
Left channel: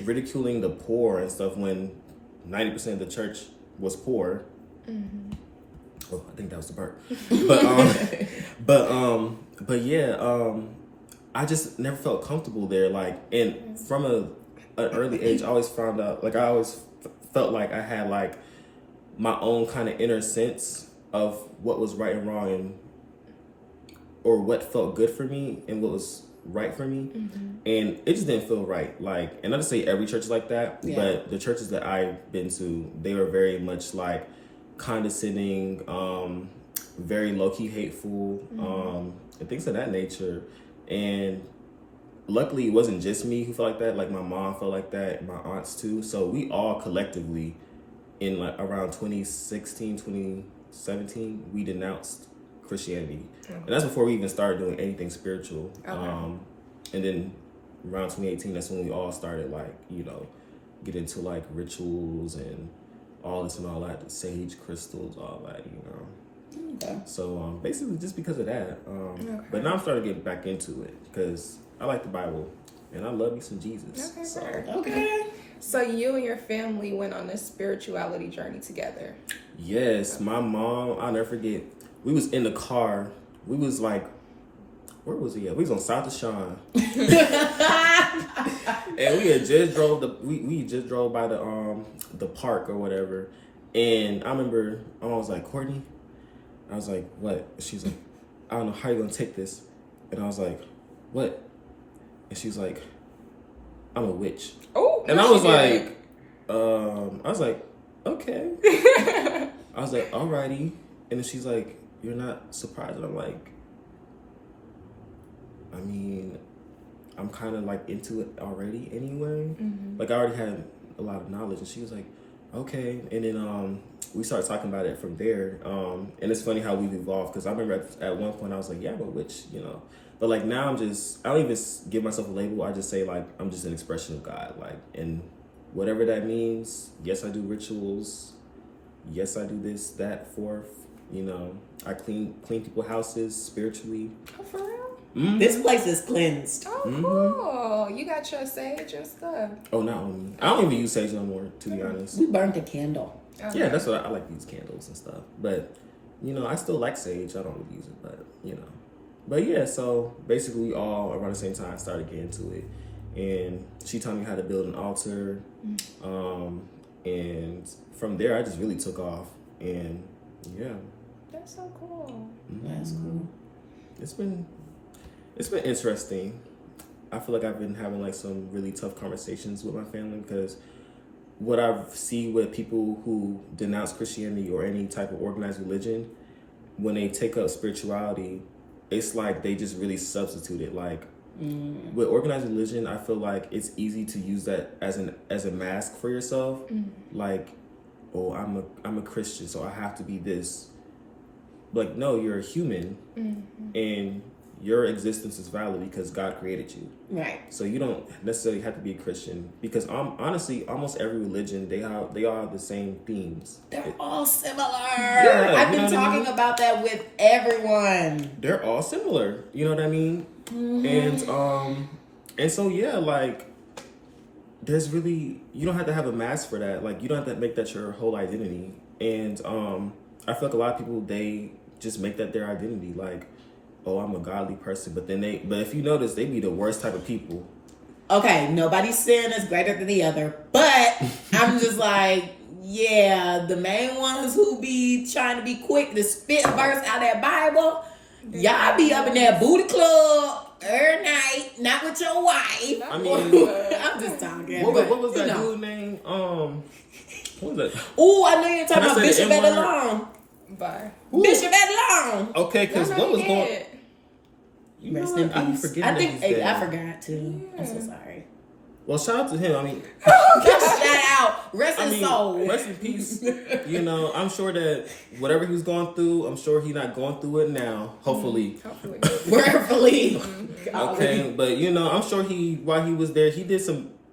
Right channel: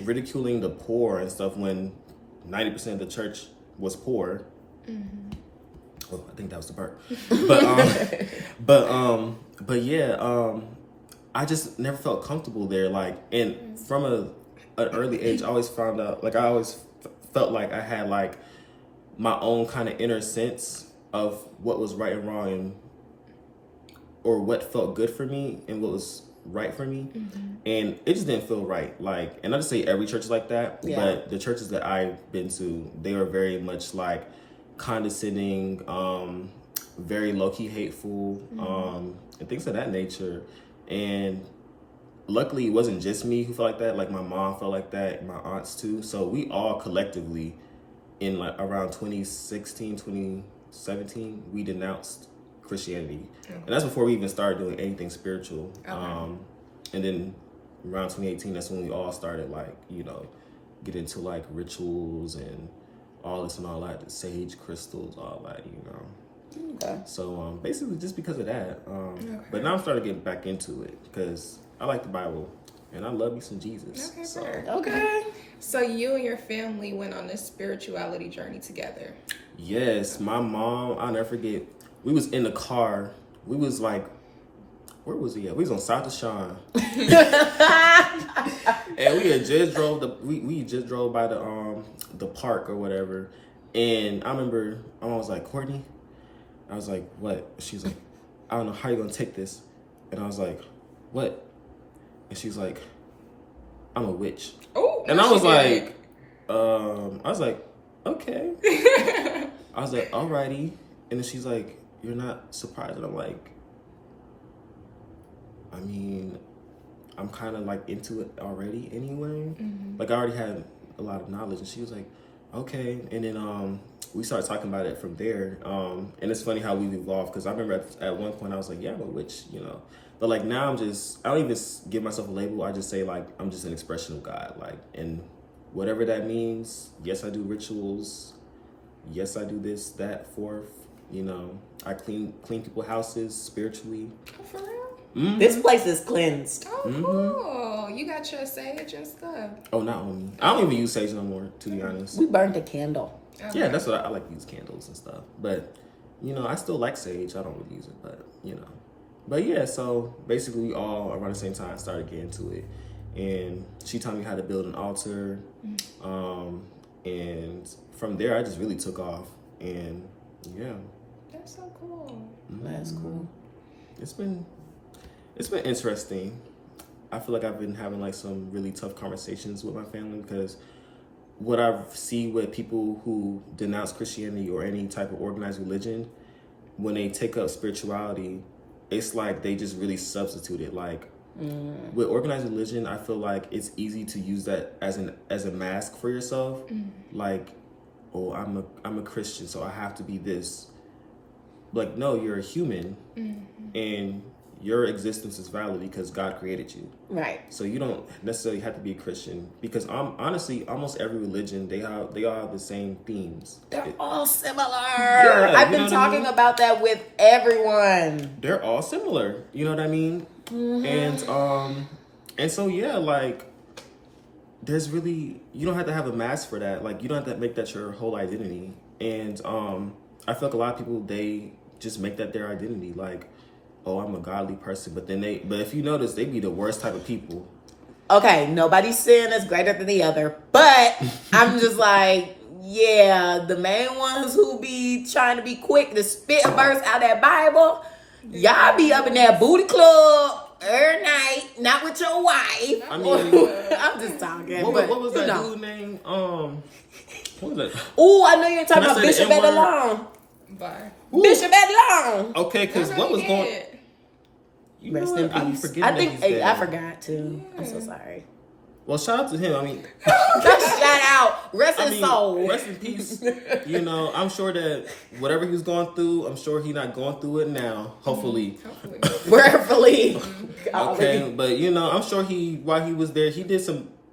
ridiculing the poor and stuff when 90% of the church was poor. Well, I think that was the part. But yeah, I just never felt comfortable there. Like, and from an early age, I always found out, like, I always felt like I had like my own kind of inner sense of what was right and wrong or what felt good for me and what was right for me. And it just didn't feel right. Like, and not to say every church is like that, but the churches that I've been to, they were very much like condescending, very low-key hateful, and things of that nature. And luckily it wasn't just me who felt like that. Like my mom felt like that, my aunts too. So we all collectively in like around 2016, 2017, we denounced Christianity. And that's before we even started doing anything spiritual. And then around 2018, that's when we all started like, you know, get into like rituals and all this and all that, the sage crystals, all that, you know. Okay. So basically just because of that. But now I'm starting to get back into it because I like the Bible and I love me some Jesus. Okay, so. Okay. So you and your family went on this spirituality journey together. Yes, my mom, I'll never forget. We was in the car. We was like, where was he at? We was on South Deshaun. And we had just drove we just drove by the park or whatever. And I remember my mom was like, Kortne. I was like, what? She's like, I don't know how you're gonna take this. And I was like, what? And she's like, I'm a witch. Oh, and I was like, okay. I was like, alrighty. And then she's like, you're not surprised? And I'm like, I mean, I'm kind of like into it already anyway. Like I already had a lot of knowledge. And she was like, okay. And then we started talking about it from there. And it's funny how we've evolved because I remember at one point I was like, yeah, I'm a witch, you know. But like now I don't even give myself a label. I just say like, I'm just an expression of God. Like, and whatever that means, yes, I do rituals. Yes, I do this, that, fourth. You know, I clean people's houses spiritually. Oh, for real? This place is cleansed. Oh, cool. You got your sage and stuff. Oh, not on me. I don't even use sage no more, to be honest. We burned a candle. Okay. Yeah, that's what I like to use candles and stuff. But, you know, I still like sage. I don't really use it, but, you know. But yeah, so basically we all around the same time started getting into it. And she taught me how to build an altar. And from there, I just really took off. And yeah. That's so cool. That's cool. It's been interesting. I feel like I've been having like some really tough conversations with my family because what I see with people who denounce Christianity or any type of organized religion, when they take up spirituality, it's like they just really substitute it. Like with organized religion, I feel like it's easy to use that as a mask for yourself. Like, oh, I'm a Christian, so I have to be this. Like, no, you're a human, and your existence is valid because God created you. Right. So you don't necessarily have to be a Christian because honestly, almost every religion, they all have the same themes. They're all similar. Yeah, I've been talking about that with everyone. They're all similar. You know what I mean? And so yeah, like there's really, you don't have to have a mask for that. Like you don't have to make that your whole identity. And I feel like a lot of people, they just make that their identity. Like, oh, I'm a godly person. But if you notice, they be the worst type of people. Okay, nobody's sin is greater than the other. But I'm just like, yeah, the main ones who be trying to be quick to spit verse out of that Bible, y'all be up in that booty club every night, not with your wife. I mean, I'm just talking. What was that dude name? What was that? Oh, I know you're talking about Bishop Edalon. Bye. Bishop Edalon. Okay, because what was going? You know Rest in what? peace. I think I forgot too. Yeah. I'm so sorry. Well, shout out to him. I mean, shout out. Rest his soul. Rest in peace. You know, I'm sure that whatever he was going through, I'm sure he's not going through it now. Hopefully. Prayerfully. Okay, but you know, I'm sure while he was there, he did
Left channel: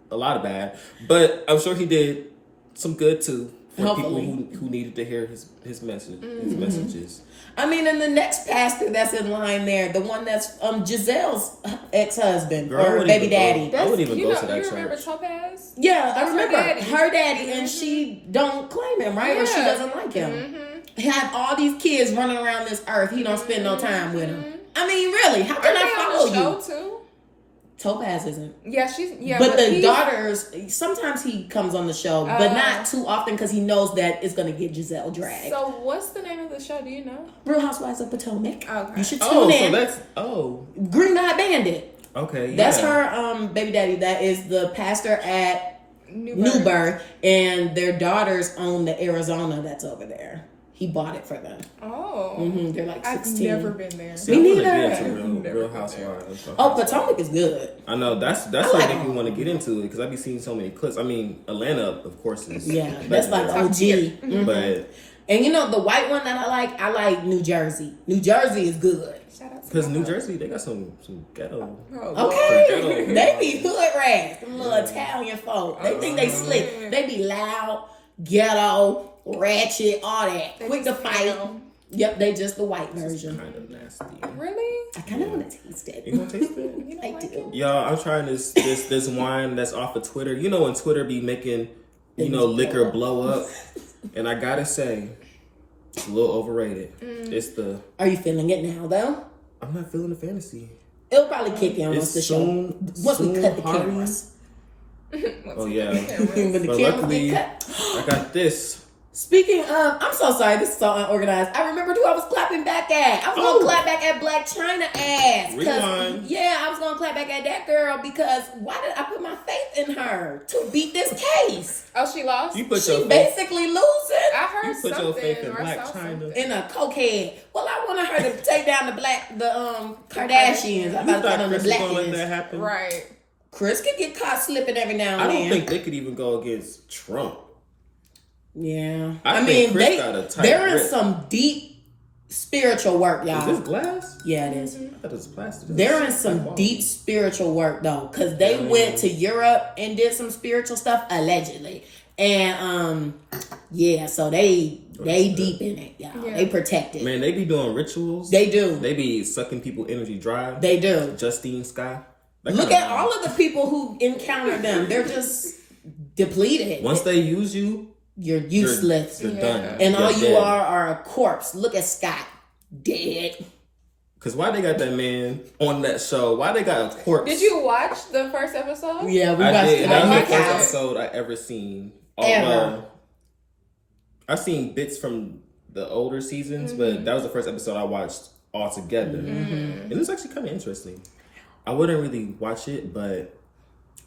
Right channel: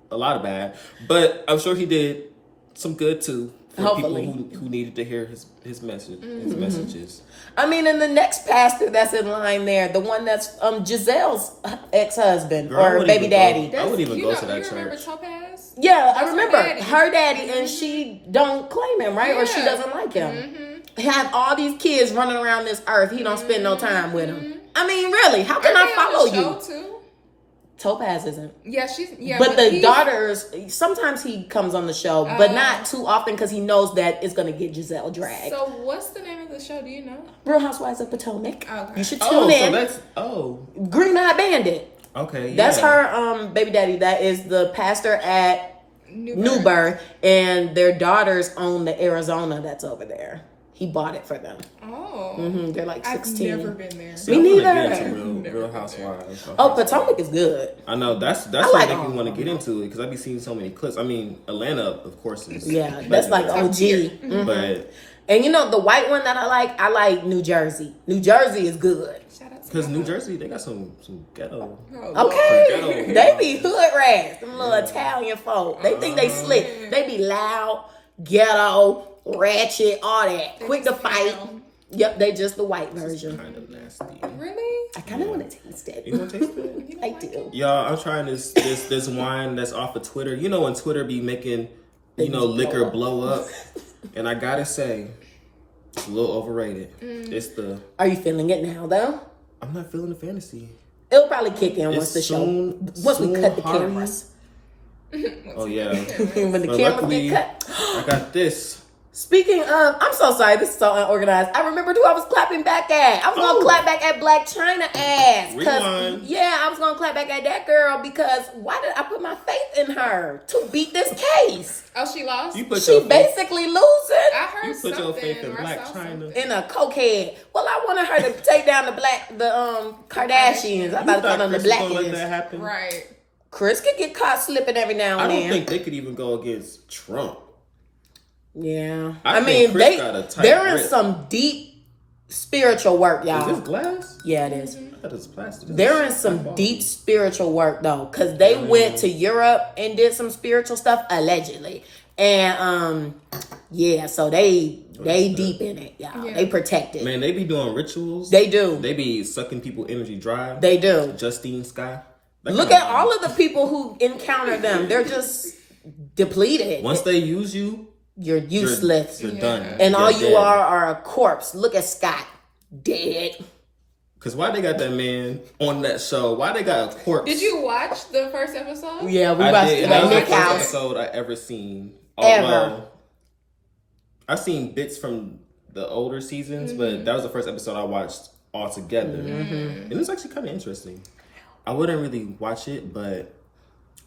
a lot of bad, but I'm sure he did some good too. For people who needed to hear his message, his messages. I mean, and the next pastor that's in line there, the one that's Giselle's ex-husband or baby daddy. I wouldn't even go to that church. You remember Topaz? Yeah, I remember her daddy, and she don't claim him, right? Yeah. Or she doesn't like him. He had all these kids running around this earth. He don't spend no time with them. I mean, really, how can I follow you? Too? Topaz isn't. Yeah, she's But the daughters, sometimes he comes on the show, but not too often because he knows that it's gonna get Giselle dragged. So what's the name of the show? Do you know? Real Housewives of Potomac. Okay. You should tune in. So that's Green Eyed Bandit. Okay, yeah. That's her baby daddy. That is the pastor at Newburgh, and their daughters own the Arizona that's over there. He bought it for them. Oh. They're like I've 16. never been there. See, I want to neither. get into Real Housewives. Potomac is good. I know that's what I think we want to get into it because I be seeing so many clips. I mean, Atlanta, of course, is That's like OG. But and you know the white one that I like New Jersey. New Jersey is good. Shout out to because New Jersey, they got some ghetto. Okay, they be hood rats. Them little Italian folk. They think they slick. They be loud, ghetto, ratchet, all that. Quick to fight. Yep, they just the white version. Kind of nasty. Really? I kind of want to taste it. You want to taste it? I do. Y'all, I'm trying this wine that's off of Twitter. You know when Twitter be making, liquor blow up. And I gotta say, it's a little overrated. It's the... Are you feeling it now, though? I'm not feeling the fantasy. It'll probably kick in once the show... Once we cut the Hardy. cameras. Oh, yeah. When the But cameras luckily, get cut. I got this. Speaking of, I'm so sorry, this is so unorganized. I remembered who I was clapping back at. I was going to clap back at Black China ass. Rewind. Yeah, I was going to clap back at that girl because why did I put my faith in her to beat this case? Oh, she lost? You put She your faith, basically losing I heard you put your faith in or Black saw China. something. in a cokehead. Well, I wanted her to take down the Kardashians. I You thought thought on the Chris was gonna let that black happen? Right. Chris could get caught slipping every now and I then. don't think they could even go against Trump. Yeah. I think mean, Chris got a tight there grip. is some deep spiritual work, y'all. Is this glass? Yeah, it is. I thought it was plastic. There is some deep spiritual work though, because they went to Europe and did some spiritual stuff allegedly, and yeah, so they deep in it, y'all. Yeah. They protect it. Man, they be doing rituals. They do. They be sucking people energy dry. They do. Justine Scott. That Look kinda at all of the people who encounter them. They're just depleted. Once they use you, You're useless. you're done. And You're all you dead. are a corpse. Look at Scott. Dead. Cause why they got that man on that show? Why they got a corpse? Did you watch the first episode? Yeah, we I watched did. it That on was my the first couch. episode I ever seen. Ever. Well, I've seen bits from the older seasons, but that was the first episode I watched all together, and it was actually kind of interesting. I wouldn't really watch it, but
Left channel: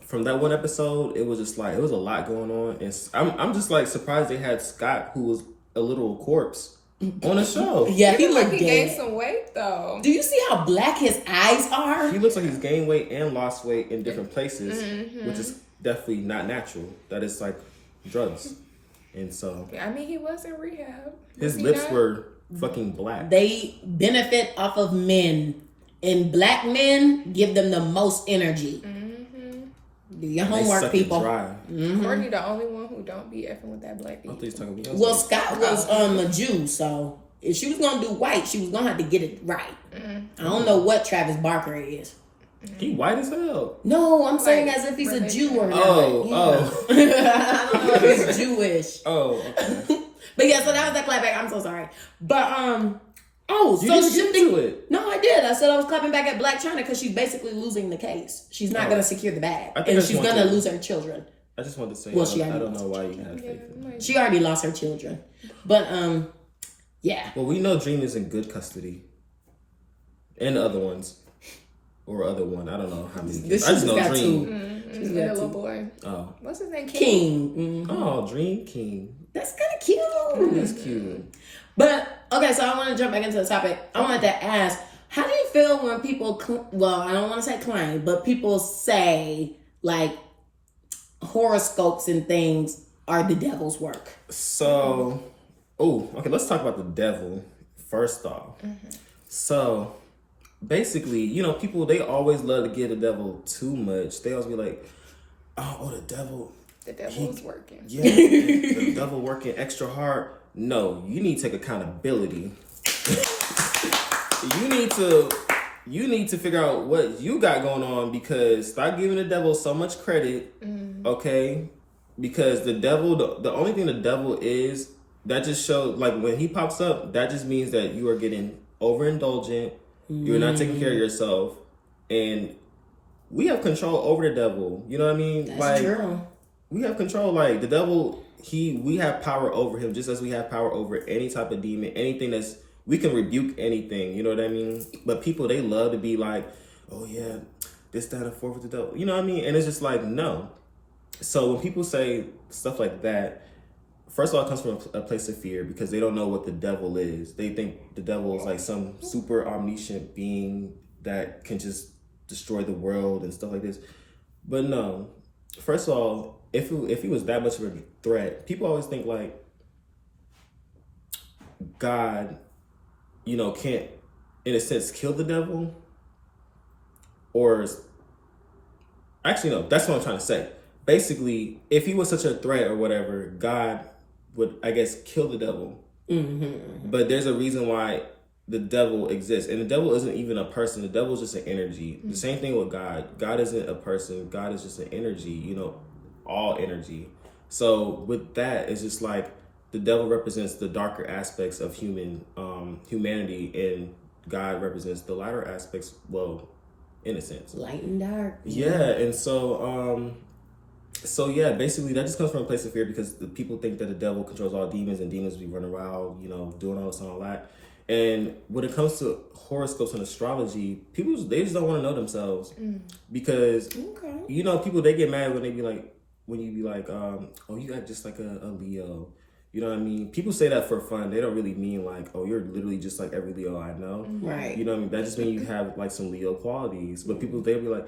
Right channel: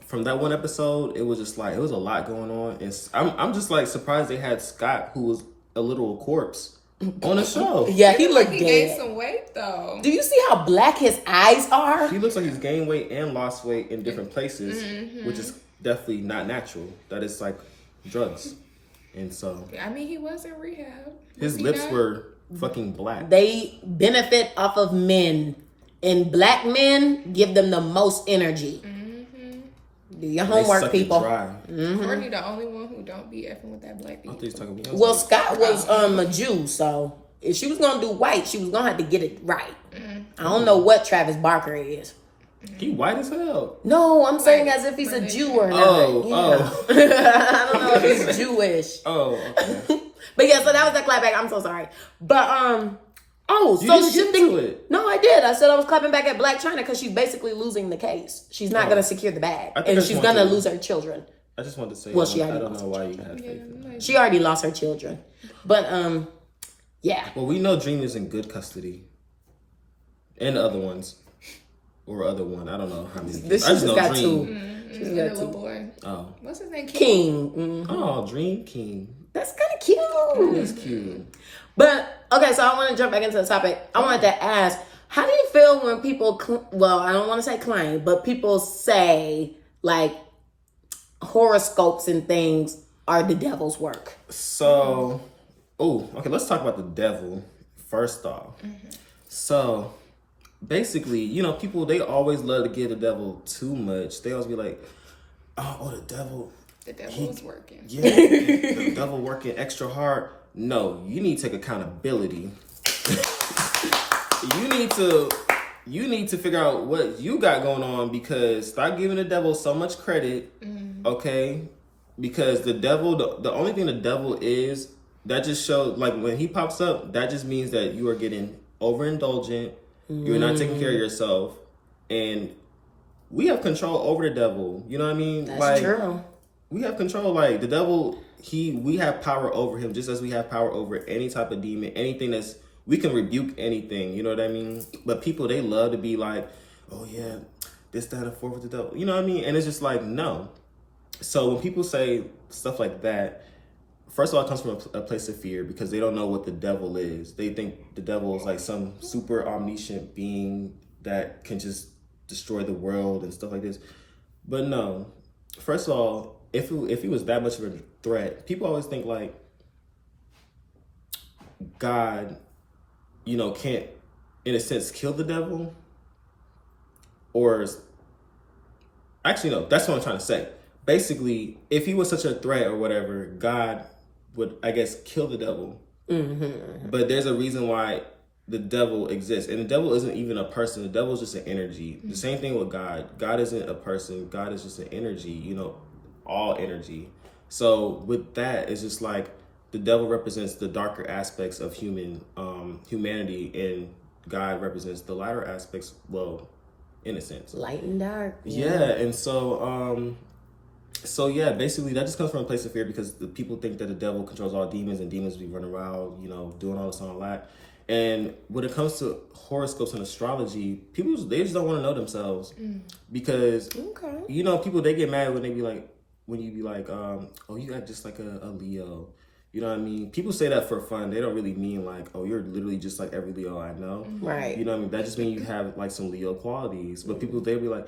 from that one episode, it was just like it was a lot going on, and I'm just like surprised they had Scott, who was a little corpse, on the show. Yeah, he Like looked he gained dead. some weight though. Do you see how black his eyes are? He looks like he's gained weight and lost weight in different places, which is definitely not natural. That is like drugs, and so I mean, he was in rehab. his Was he lips not? were fucking black. They benefit off of men, and black men give them the most energy. Do your They homework, suck it people. dry. Kortne the only one who don't be effing with that black I people. thought he was talking about Well, Scott was a Jew, so if she was gonna do white, she was gonna have to get it right. I don't know what Travis Barker is. he white as hell. No, I'm saying Like, as if he's a religion. Jew or not. Oh, I don't know if he's Jewish. Oh, okay. But yeah, so that was that clapback. I'm so sorry. But You so didn't get shifting. into it. No, I did. I said I was clapping back at Black China because she's basically losing the case. She's not going to secure the bag, I think and I she's just going to wanted to- lose her children. I just wanted to say, Well, she I already don't know lost why you had faith in it. She already lost her children, but yeah. Well, we know Dream is in good custody. And the other ones. Or other one. I don't know how many. This I just know got Dream. And the little boy. Oh. What's his name? King. Mhm. Oh, Dream King. That's kind of cute. That's cute. But okay, so I want to jump back into the topic. I wanted to ask, how do you feel when people? Well, I don't want to say claim, but people say like horoscopes and things are the devil's work. So, okay, let's talk about the devil first off. So, basically, people, they always love to give the devil too much. They always be like, oh, the devil. The devil is working. Yeah, the devil working extra hard. No, you need to take accountability. You need to figure out what you got going on, because stop giving the devil so much credit, okay? Because the devil, the only thing the devil is, that just shows, like when he pops up, that just means that you are getting overindulgent, you're not taking care of yourself, and we have control over the devil. You know what I mean? That's true. We have control. Like the devil, we have power over him, just as we have power over any type of demon, anything we can rebuke anything. You know what I mean? But people, they love to be like, oh yeah, this, that, and the fourth with the devil. You know what I mean? And it's just like, no. So when people say stuff like that, first of all, it comes from a place of fear because they don't know what the devil is. They think the devil is like some super omniscient being that can just destroy the world and stuff like this. But no, first of all, if he was that much of a threat, people always think like God, you know, can't, in a sense, kill the devil. Or, actually, no, that's what I'm trying to say. Basically, if he was such a threat or whatever, God would, I guess, kill the devil. Mm-hmm. But there's a reason why the devil exists. And the devil isn't even a person. The devil is just an energy. Mm-hmm. The same thing with God. God isn't a person. God is just an energy, you know, all energy. So with that, it's just like the devil represents the darker aspects of humanity, and God represents the lighter aspects, well, in a sense. Light and dark. Yeah, and so yeah, basically that just comes from a place of fear because the people think that the devil controls all demons and demons be running around, you know, doing all this and all that. And when it comes to horoscopes and astrology, people, they just don't want to know themselves because, you know, people, they get mad when you be like, oh, you got just like a Leo. You know what I mean? People say that for fun. They don't really mean like, oh, you're literally just like every Leo I know. Right. You know what I mean? That just means you have like some Leo qualities. But people, they'll be like,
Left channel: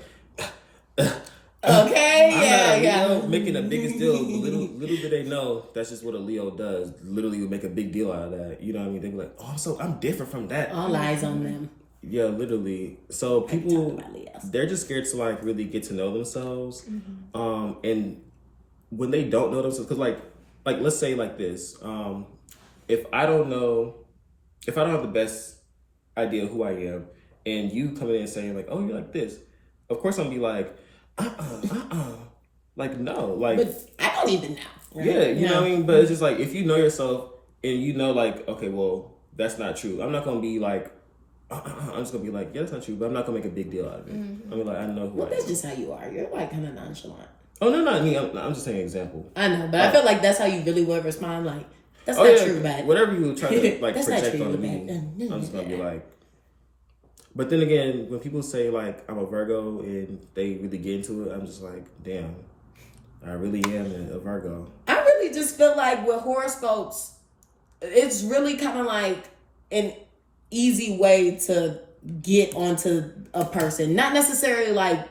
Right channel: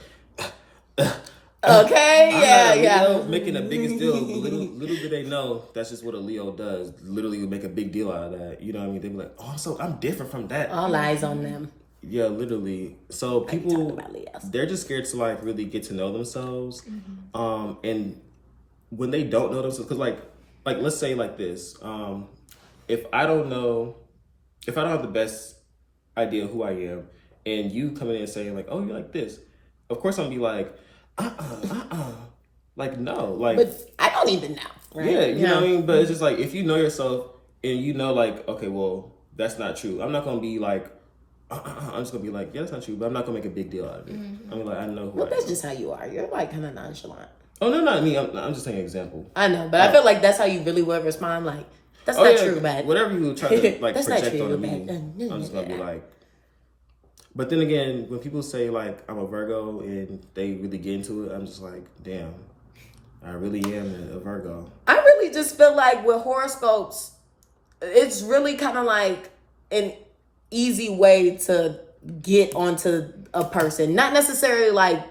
okay, I'm not a Leo, making the biggest deal. Little do they know that's just what a Leo does. Literally would make a big deal out of that. You know what I mean? They'd be like, oh, I'm different from that. All eyes on them. Yeah, literally. So people, they're just scared to like really get to know themselves. Mm-hmm. And when they don't know themselves, because like let's say like this, if I don't have the best idea of who I am, and you come in and saying like, oh, you're like this, of course I'm gonna be like, like no, like, but I don't even know. Right? Yeah, you know what I mean? But it's just like, if you know yourself and you know like, okay, well, that's not true. I'm not gonna be like, I'm just gonna be like, yeah, that's not true, but I'm not gonna make a big deal out of it. Mm-hmm. I mean, like, I know who I am. That's just how you are. You're like kind of nonchalant. Oh, no, not me. I'm just saying an example. I know, but I feel like that's how you really would respond. Like, that's not true, man. Whatever you try to like project on me, I'm just gonna be like. But then again, when people say like I'm a Virgo and they really get into it, I'm just like, damn, I really am a Virgo. I really just feel like with horoscopes, it's really kind of like an easy way to get onto a person. Not necessarily like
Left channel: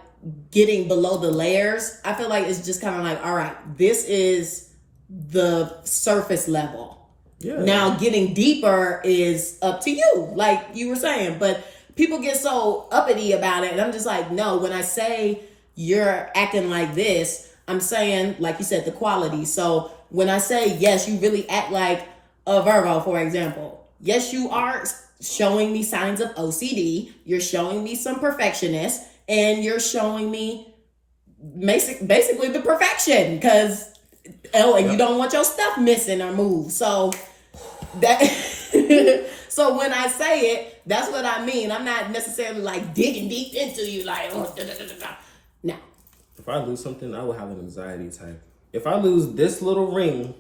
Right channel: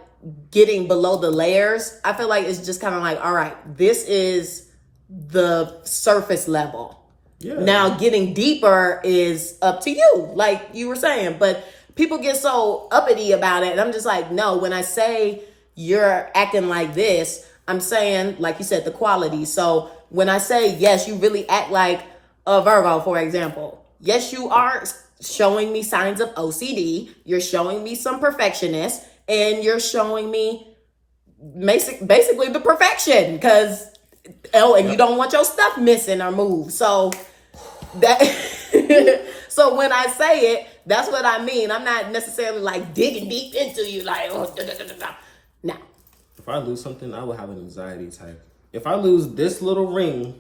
getting below the layers. I feel like it's just kind of like, all right, this is the surface level. Yeah. Now getting deeper is up to you, like you were saying. But people get so uppity about it. And I'm just like, no, when I say you're acting like this, I'm saying, like you said, the quality. So when I say, yes, you really act like a Virgo, for example. Yes, you are showing me signs of OCD. You're showing me some perfectionist. And you're showing me basically the perfection because, you don't want your stuff missing or moved. So that, so when I say it, that's what I mean. I'm not necessarily like digging deep into you like, oh, no. If I lose something, I will have an anxiety attack. If I lose this little ring,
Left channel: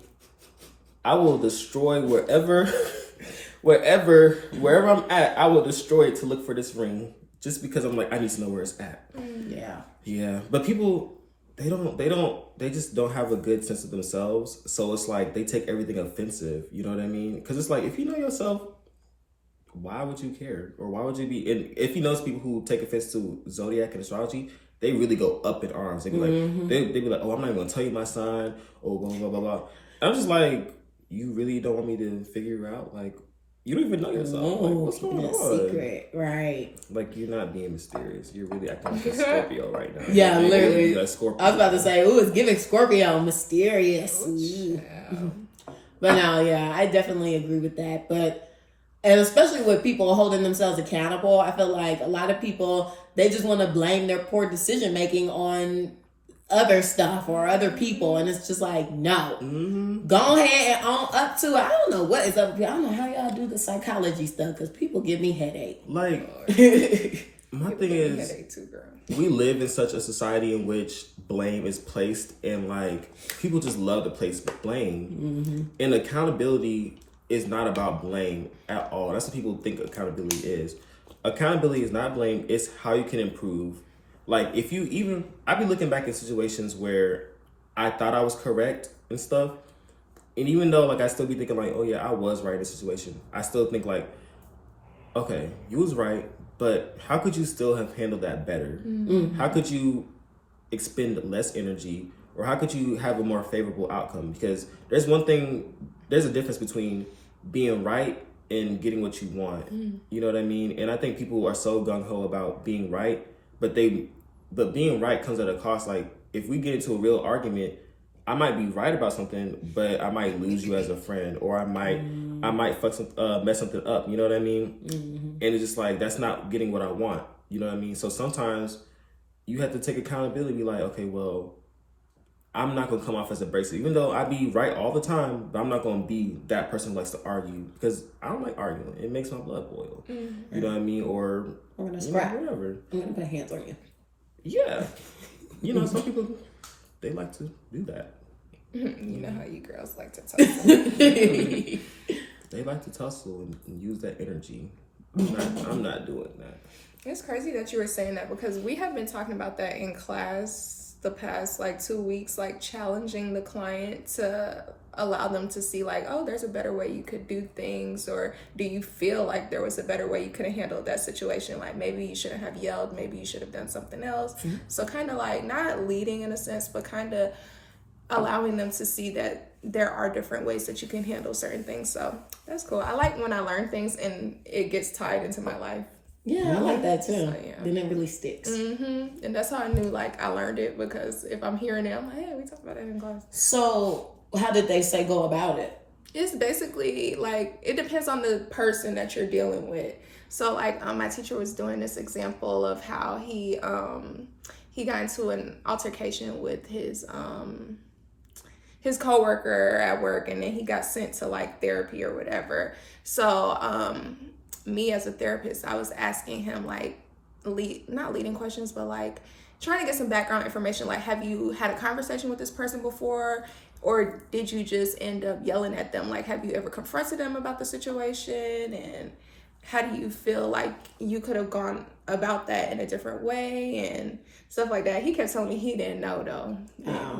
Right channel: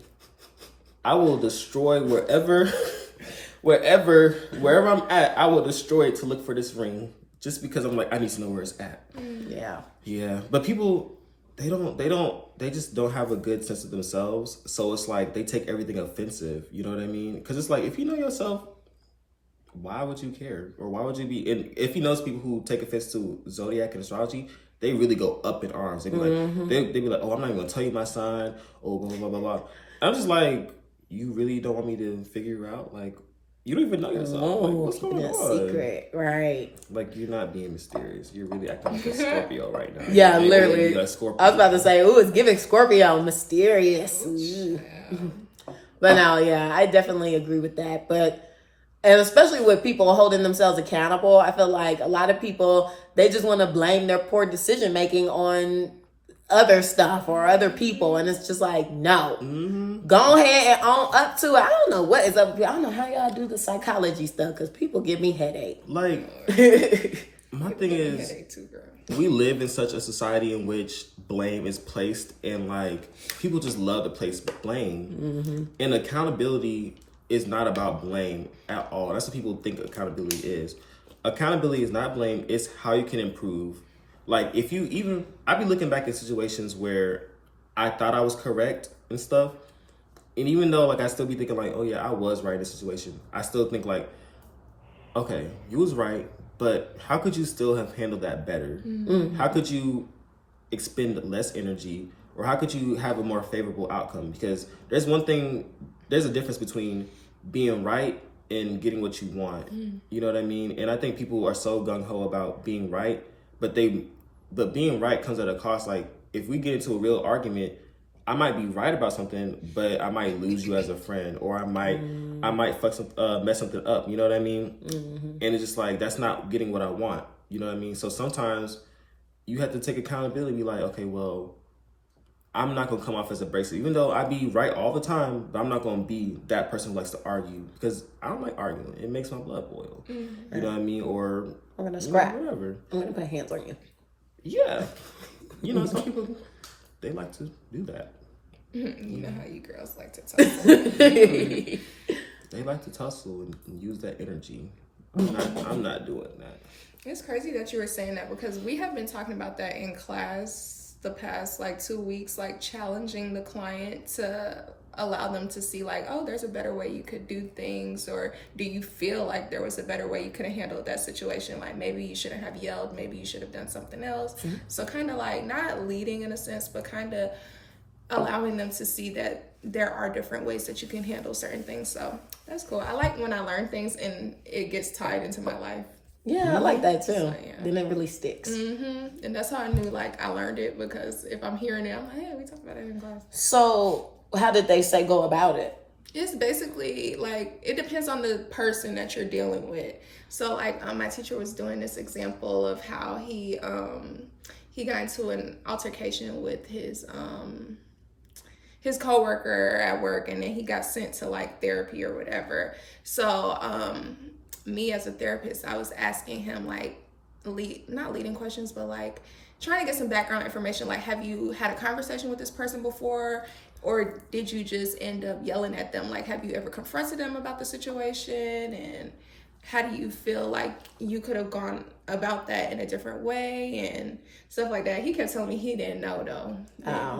I will destroy wherever I'm at, I will destroy it to look for this ring. Just because I'm like, I need to know where it's at. Yeah. Yeah. But people, they just don't have a good sense of themselves. So it's like, they take everything offensive. You know what I mean? Because it's like, if you know yourself, why would you care? Or why would you be, and if you notice people who take offense to zodiac and astrology, they really go up in arms. They be like, they be like, oh, I'm not even gonna tell you my sign. Oh, blah, blah, blah, blah. I'm just like, you really don't want me to figure out? Like, you don't even know yourself. Like, what's going on? Secret, right? Like, you're not being mysterious. You're really acting like a Scorpio right now. Yeah, literally. You're a Scorpio. I was about to say, ooh, it's giving Scorpio mysterious. But no, yeah, I definitely agree with that. And especially with people holding themselves accountable, I feel like a lot of people, they just want to blame their poor decision making on other stuff or other people, and it's just like, no, go ahead and own up to it. I don't know what is up. I don't know how y'all do the psychology stuff because people give me headache. Like, my thing is, headache too, girl. we live in such a society in which blame is placed, and like people just love to place blame. And accountability is not about blame at all. That's what people think accountability is. Accountability is not blame, it's how you can improve. Like if you even, I've been looking back at situations where I thought I was correct and stuff. And even though like I still be thinking like, oh yeah, I was right in this situation, I still think like, okay, you was right, but how could you still have handled that better? How could you expend less energy, or how could you have a more favorable outcome? Because there's a difference between being right and getting what you want. You know what I mean? And I think people are so gung-ho about being right, but being right comes at a cost. Like if we get into a real argument, I might be right about something, but I might lose you as a friend, or I might mess something up. You know what I mean? And it's just like, that's not getting what I want. You know what I mean? So sometimes you have to take accountability and be like, okay, well, I'm not going to come off as abrasive. Even though I be right all the time, but I'm not going to be that person who likes to argue, because I don't like arguing. It makes my blood boil. You know what I mean? Or I'm going to scrap. Whatever. I'm going to put hands on you. Yeah. You know, some people, they like to do that. You know how you girls like to tussle. They like to tussle and use that energy. I'm not doing that. It's crazy that you were saying that, because we have been talking about that in class the past like 2 weeks, like challenging the client to allow them to see like, oh, there's a better way you could do things, or do you feel like there was a better way you could have handled that situation? Like maybe you shouldn't have yelled, maybe you should have done something else. So kind of like not leading in a sense, but kind of allowing them to see that there are different ways that you can handle certain things. So that's cool. I like when I learn things and it gets tied into my life. Yeah, I like that too. So, yeah. Then it really sticks. And that's how I knew like I learned it, because if I'm hearing it, I'm like, hey, we talked about it in class. So how did they say go about it? It's basically like, it depends on the person that you're dealing with. So like my teacher was doing this example of how he got into an altercation with his coworker at work, and then he got sent to like therapy or whatever. So me as a therapist, I was asking him like not leading questions, but like trying to get some background information. Like, have you had a conversation with this person before, or did you just end up yelling at them? Like, have you ever confronted them about the situation, and how do you feel like you could have gone about that in a different way and stuff like that? He kept telling me he didn't know though.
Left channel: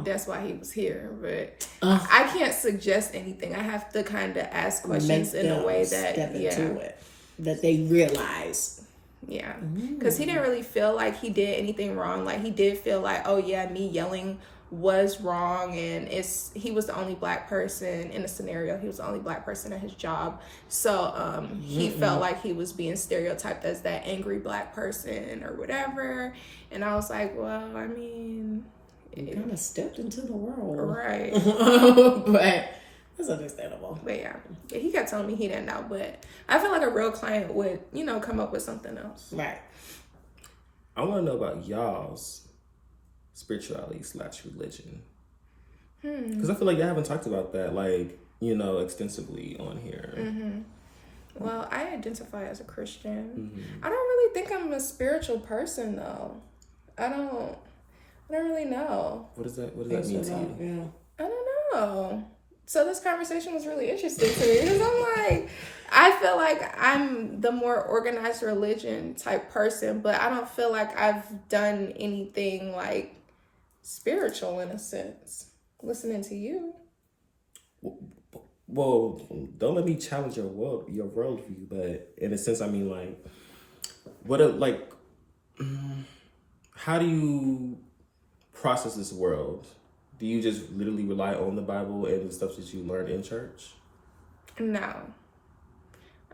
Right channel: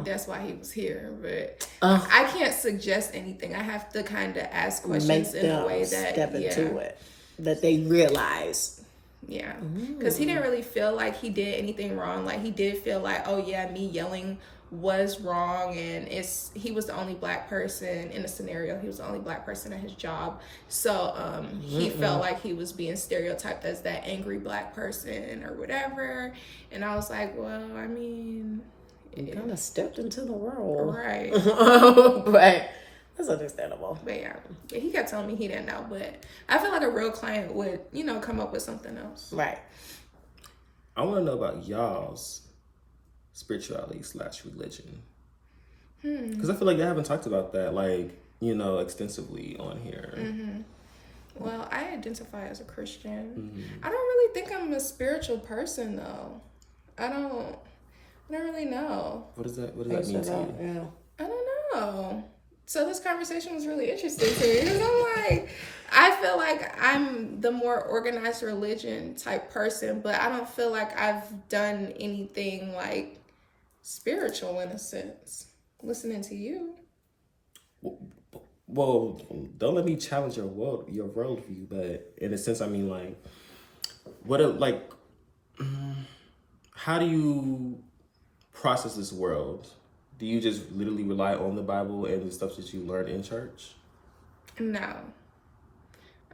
That's why he was here. But I can't suggest anything. I have to kind of ask questions in a way that step into it, that they realize. Yeah, because he didn't really feel like he did anything wrong. Like he did feel like, oh yeah, me yelling was wrong, and he was the only Black person in the scenario. He was the only Black person at his job, so he felt like he was being stereotyped as that angry Black person or whatever. And I was like, well, I mean, you kind of stepped into the role, right? But that's understandable. But yeah, but he kept telling me he didn't know. But I feel like a real client would, come up with something else. Right. I want to know about y'all's spirituality / religion, because I feel like y'all haven't talked about that like extensively on here. Well, I identify as a Christian. I don't really think I'm a spiritual person though. I don't really know. What does that mean to you? Yeah. I don't know. So this conversation was really interesting to me, because I'm like, I feel like I'm the more organized religion type person, but I don't feel like I've done anything like spiritual in a sense. Listening to you. Well, don't let me challenge your worldview, but in a sense, I mean, like, how do you process this world? Do you just literally rely on the Bible and the stuff that you learned in church? No.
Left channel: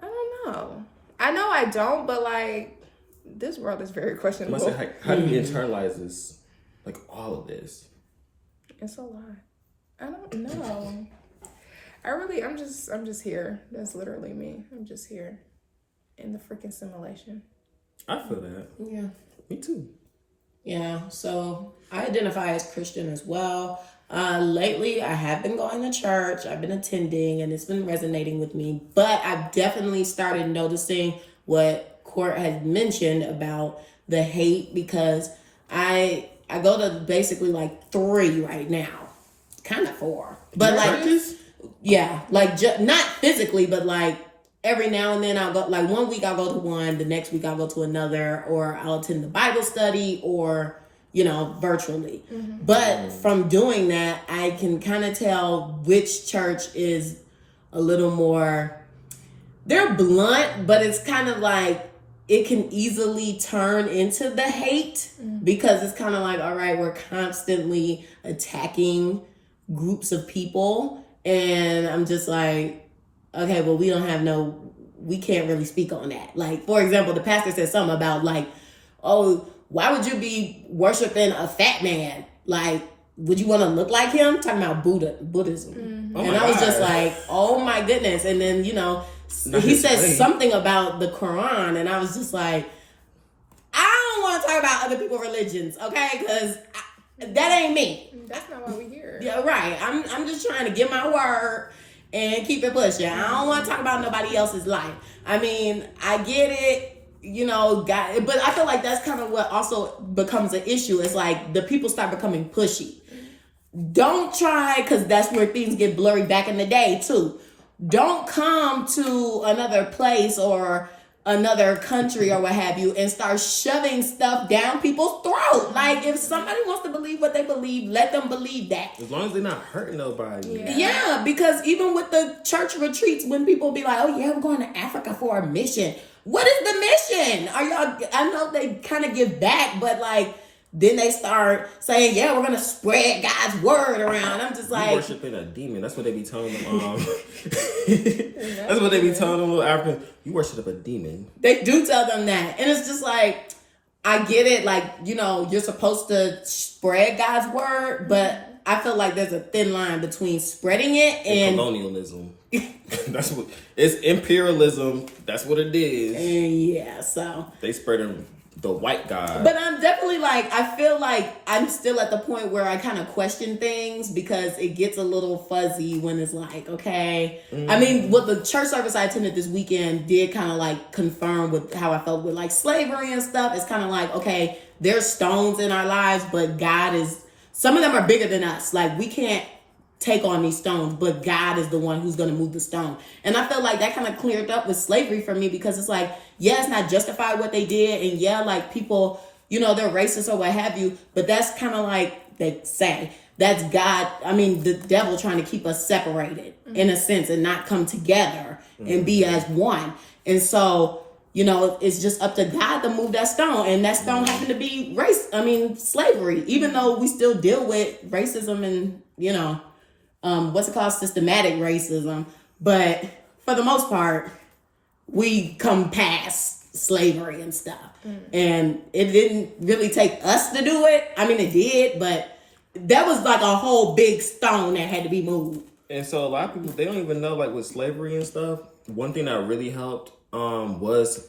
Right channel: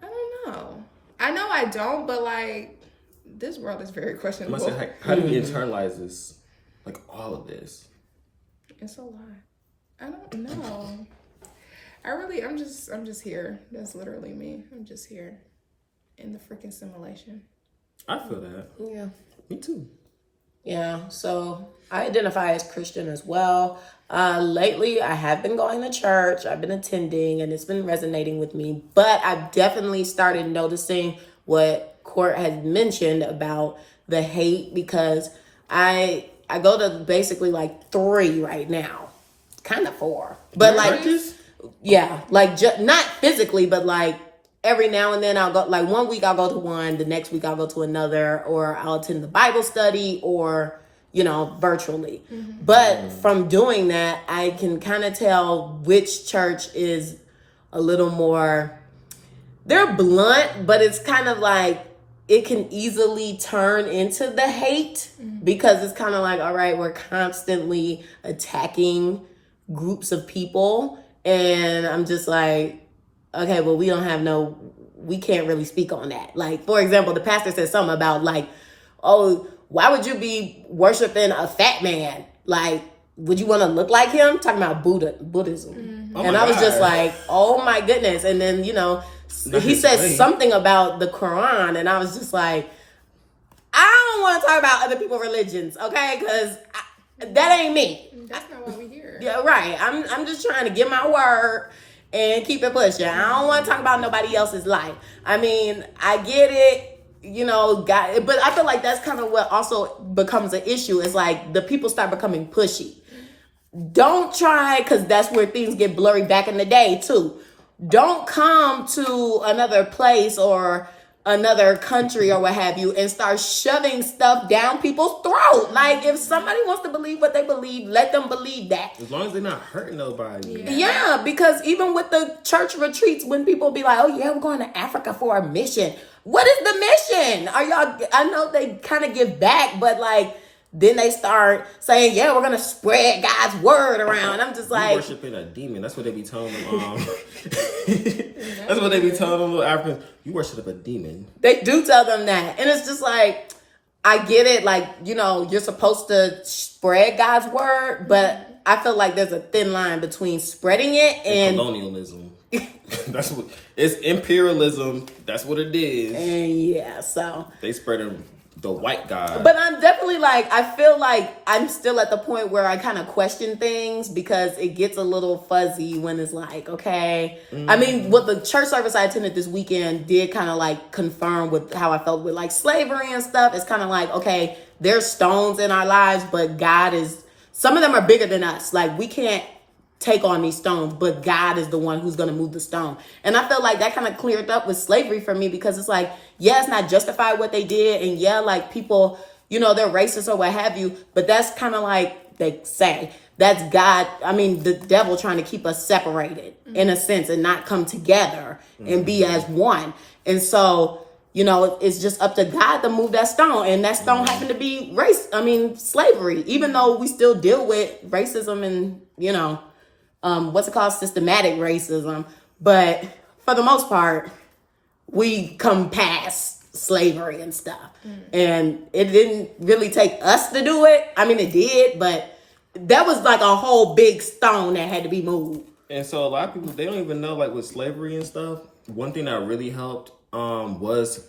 I don't know. I know I don't, but like, this world is very questionable. How do you internalize this? Like all of this? It's a lot. I don't know. I'm just here. That's literally me. I'm just here in the freaking simulation. I feel that. Yeah. Me too. Yeah, so I identify as Christian as well. Lately, I have been going to church. I've been attending, and it's been resonating with me. But I've definitely started noticing what Court has mentioned about the hate, because I go to basically like 3 right now, kind of 4, but like churches? yeah, like not physically, but like every now and then I'll go. Like one week I'll go to one, the next week I'll go to another, or I'll attend the Bible study, or virtually. But from doing that, I can kind of tell which church is a little more. They're blunt, but it's kind of like it can easily turn into the hate because it's kind of like, all right, we're constantly attacking groups of people. And I'm just like, okay, well, we can't really speak on that. Like, for example, the pastor said something about like, oh, why would you be worshiping a fat man? Like, would you want to look like him? Talking about Buddhism. Oh and I was just like, oh my goodness. And then, he said something about the Quran, and I was just like, I don't want to talk about other people's religions, okay? Because that ain't me. That's not why we here. Yeah, right. I'm just trying to get my word and keep it pushing. I don't want to talk about nobody else's life. I mean, I get it, but I feel like that's kind of what also becomes an issue. It's like the people start becoming pushy. Don't try, because that's where things get blurry back in the day too. Don't come to another place or another country or what have you and start shoving stuff down people's throat. Like, if somebody wants to believe what they believe, let them believe that. As long as they're not hurting nobody. Yeah, because even with the church retreats, when people be like, oh yeah, we're going to Africa for a mission. What is the mission? I know they kind of give back, but like, then they start saying, yeah, we're going to spread God's word around. I'm just like, you worshiping a demon. That's what they be telling them. That's what they be telling them little Africans. You worship a demon. They do tell them that. And it's just like, I get it. Like, you're supposed to spread God's word, but I feel like there's a thin line between spreading it and colonialism. That's what it's imperialism. That's what it is. Yeah, so they spreading the white God. But I'm definitely like, I feel like I'm still at the point where I kind of question things because it gets a little fuzzy when it's like, okay. I mean, what the church service I attended this weekend did kind of like confirm with how I felt with like slavery and stuff. It's kind of like, okay, there's stones in our lives, but some of them are bigger than us. Like, we can't take on these stones, but God is the one who's going to move the stone. And I felt like that kind of cleared up with slavery for me because it's like, yeah, it's not justified what they did. And yeah, like people, they're racist or what have you, but that's kind of like they say, that's God. I mean, the devil trying to keep us separated in a sense and not come together and be as one. And so, it's just up to God to move that stone. And that stone happened to be slavery, even though we still deal with racism and, systematic racism. But for the most part, we come past slavery and stuff. And it didn't really take us to do it. I mean, it did, but that was like a whole big stone that had to be moved. And so a lot of people, they don't even know, like with slavery and stuff, one thing that really helped was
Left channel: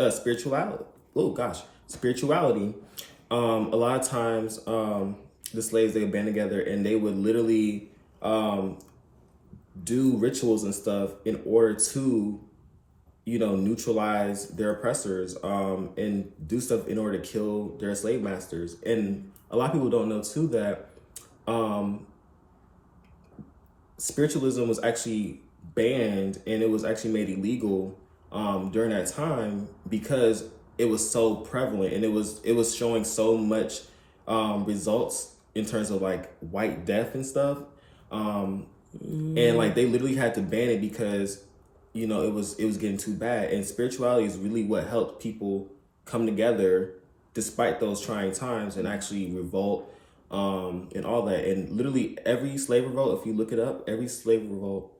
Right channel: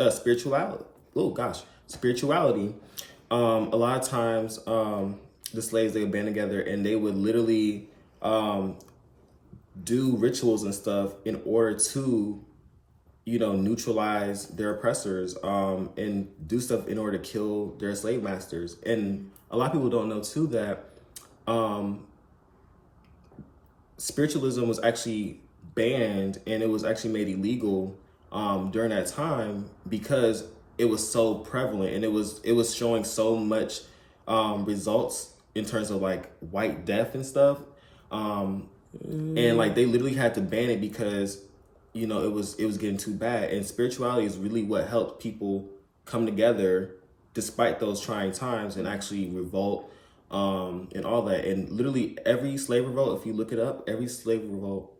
spirituality. Oh gosh, spirituality. A lot of times the slaves, they would band together and they would literally do rituals and stuff in order to neutralize their oppressors and do stuff in order to kill their slave masters. And a lot of people don't know too that spiritualism was actually banned and it was actually made illegal during that time because it was so prevalent and it was showing so much results in terms of like white death and stuff. And like they literally had to ban it because it was getting too bad. And spirituality is really what helped people come together despite those trying times and actually revolt and all that. And literally every slave revolt, if you look it up, every slave revolt,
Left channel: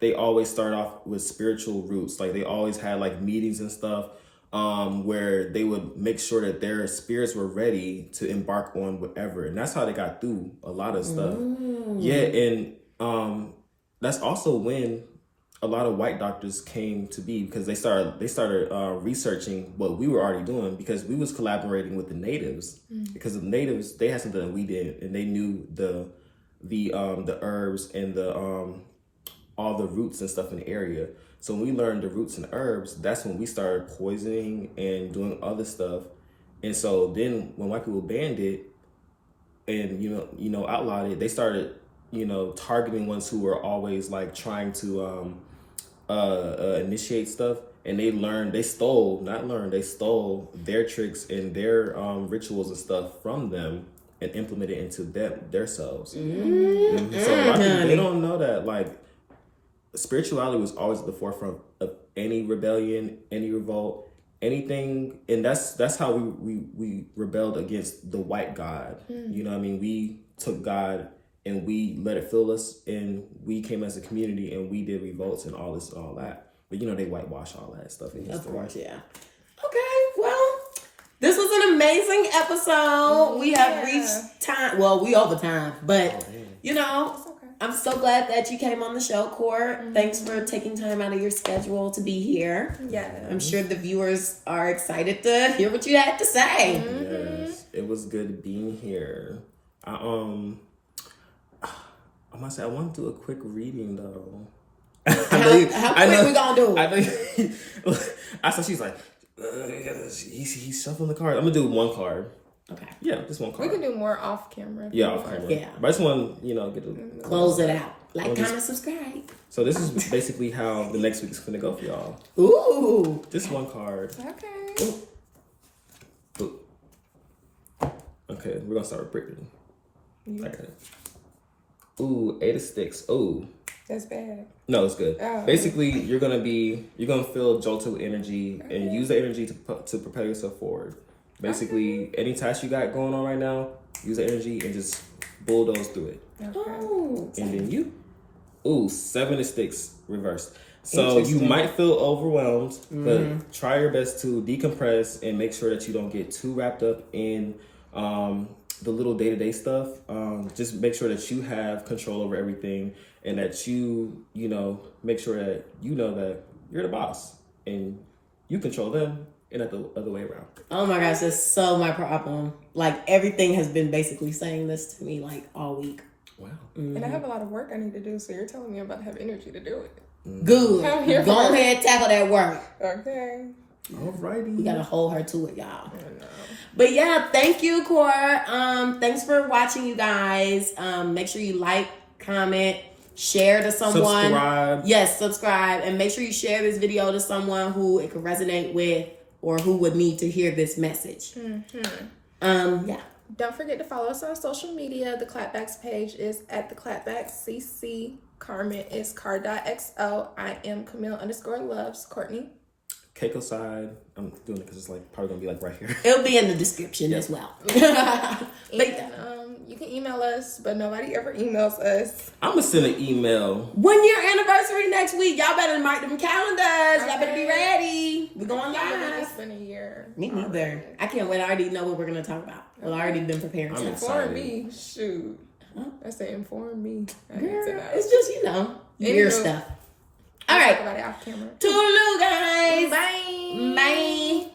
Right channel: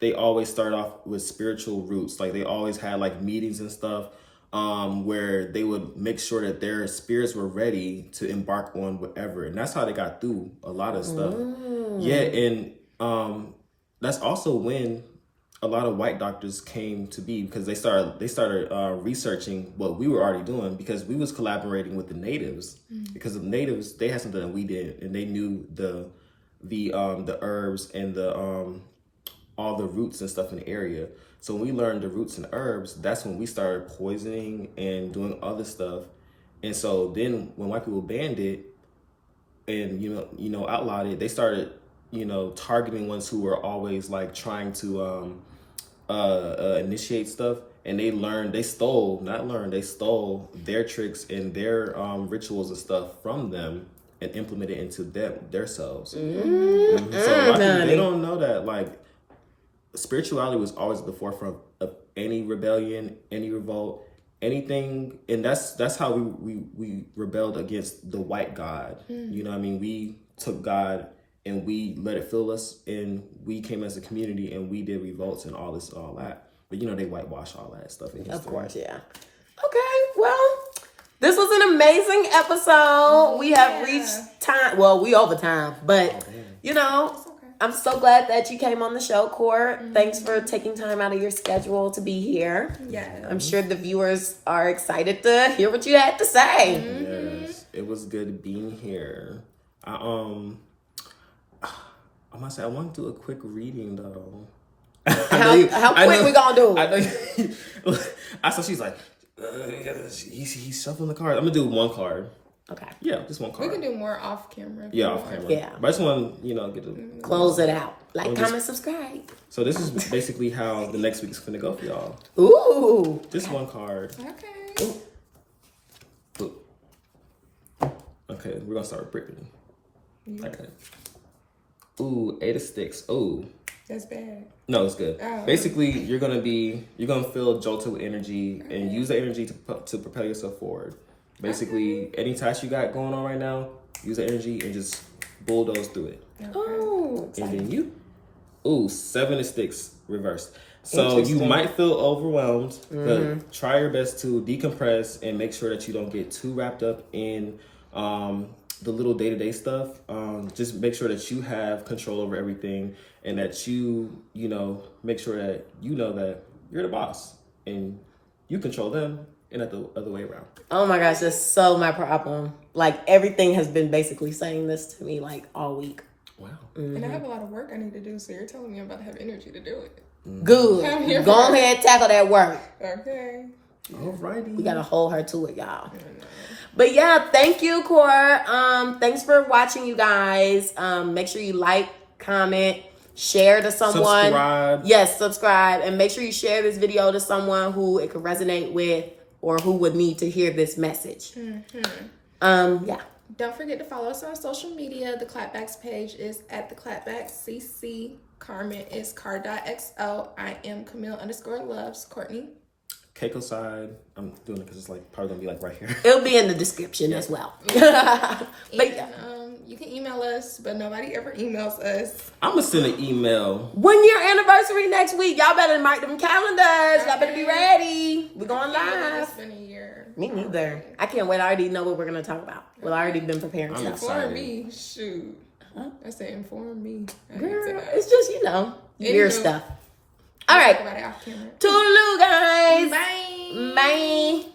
they always start off with spiritual roots. Like they always had like meetings and stuff where they would make sure that their spirits were ready to embark on whatever. And that's how they got through a lot of stuff. Yeah. And that's also when a lot of white doctors came to be because they started researching what we were already doing because we was collaborating with the natives because the natives, they had something that we did and they knew the herbs and the all the roots and stuff in the area. So when we learned the roots and herbs, that's when we started poisoning and doing other stuff. And so then when white people banned it and, outlawed it, they started, targeting ones who were always like trying to initiate stuff. And they stole their tricks and their rituals and stuff from them and implemented it into themselves. Mm-hmm. So a lot of people, they don't know that like spirituality was always at the forefront of any rebellion, any revolt, anything. And that's how we rebelled against the white God. You know what I mean? We took God and we let it fill us, and we came as a community and we did revolts and all this and all that. But they whitewash all that stuff in history. Of course, yeah. Okay, well, this was an amazing episode. We have reached time. Well, we over time, but I'm so glad that you came on the show, Court. Thanks for taking time out of your schedule to be here. Yeah. I'm sure the viewers are excited to hear what you had to say. Yes, it was good being here. I must say, I want to do a quick reading though. How quick we gonna do? I know. I saw she's like, he's shuffling the cards. I'm gonna do one card. Okay. Yeah, just one card. We can do more off camera. Yeah, off camera. Yeah. But I just want get to close it out. Like, comment, subscribe. So this is basically how the next week's gonna go for y'all. Ooh. Just one card. Okay. Ooh. Okay, we're gonna start with Brittany. I got it. Ooh, 8 of Sticks. Ooh. That's bad. No, it's good. Oh. Basically, you're gonna feel jolted with energy and use the energy to propel yourself forward. Basically, any task you got going on right now, use the energy and just bulldoze through it. Okay. Oh. And then you, 7 of Sticks reversed. So you might feel overwhelmed, but try your best to decompress and make sure that you don't get too wrapped up in the little day-to-day stuff. Just make sure that you have control over everything, and that you make sure that that you're the boss and you control them, and not the other way around. Oh my gosh, that's so my problem. Like, everything has been basically saying this to me like all week. Wow. And I have a lot of work I need to do, so you're telling me I'm about to have energy to do it. Good. Go ahead, tackle that work. Okay. Alrighty. We gotta hold her to it, y'all. But yeah, thank you, Cor. Thanks for watching, you guys. Make sure you like, comment, share to someone. Subscribe. Yes, subscribe. And make sure you share this video to someone who it could resonate with or who would need to hear this message. Yeah. Don't forget to follow us on social media. The Clapback's page is at theclapbackcc. Carmen is car.xo. I am Camille_loves. Kortne. Keiko side. I'm doing it because it's like probably gonna be like right here. It'll be in the description as well. And, you can email us, but nobody ever emails us. I'm gonna send an email. 1 year anniversary next week. Y'all better mark them calendars. Y'all better be ready. We're going live. It's been a year. Me neither. I can't wait. I already know what we're gonna talk about. Well, I already been preparing. I'm stuff. Inform me. Shoot. I said inform me. I need to know. It's just, year stuff. All right. Talk about it off camera. Toodaloo, guys. Bye. Bye.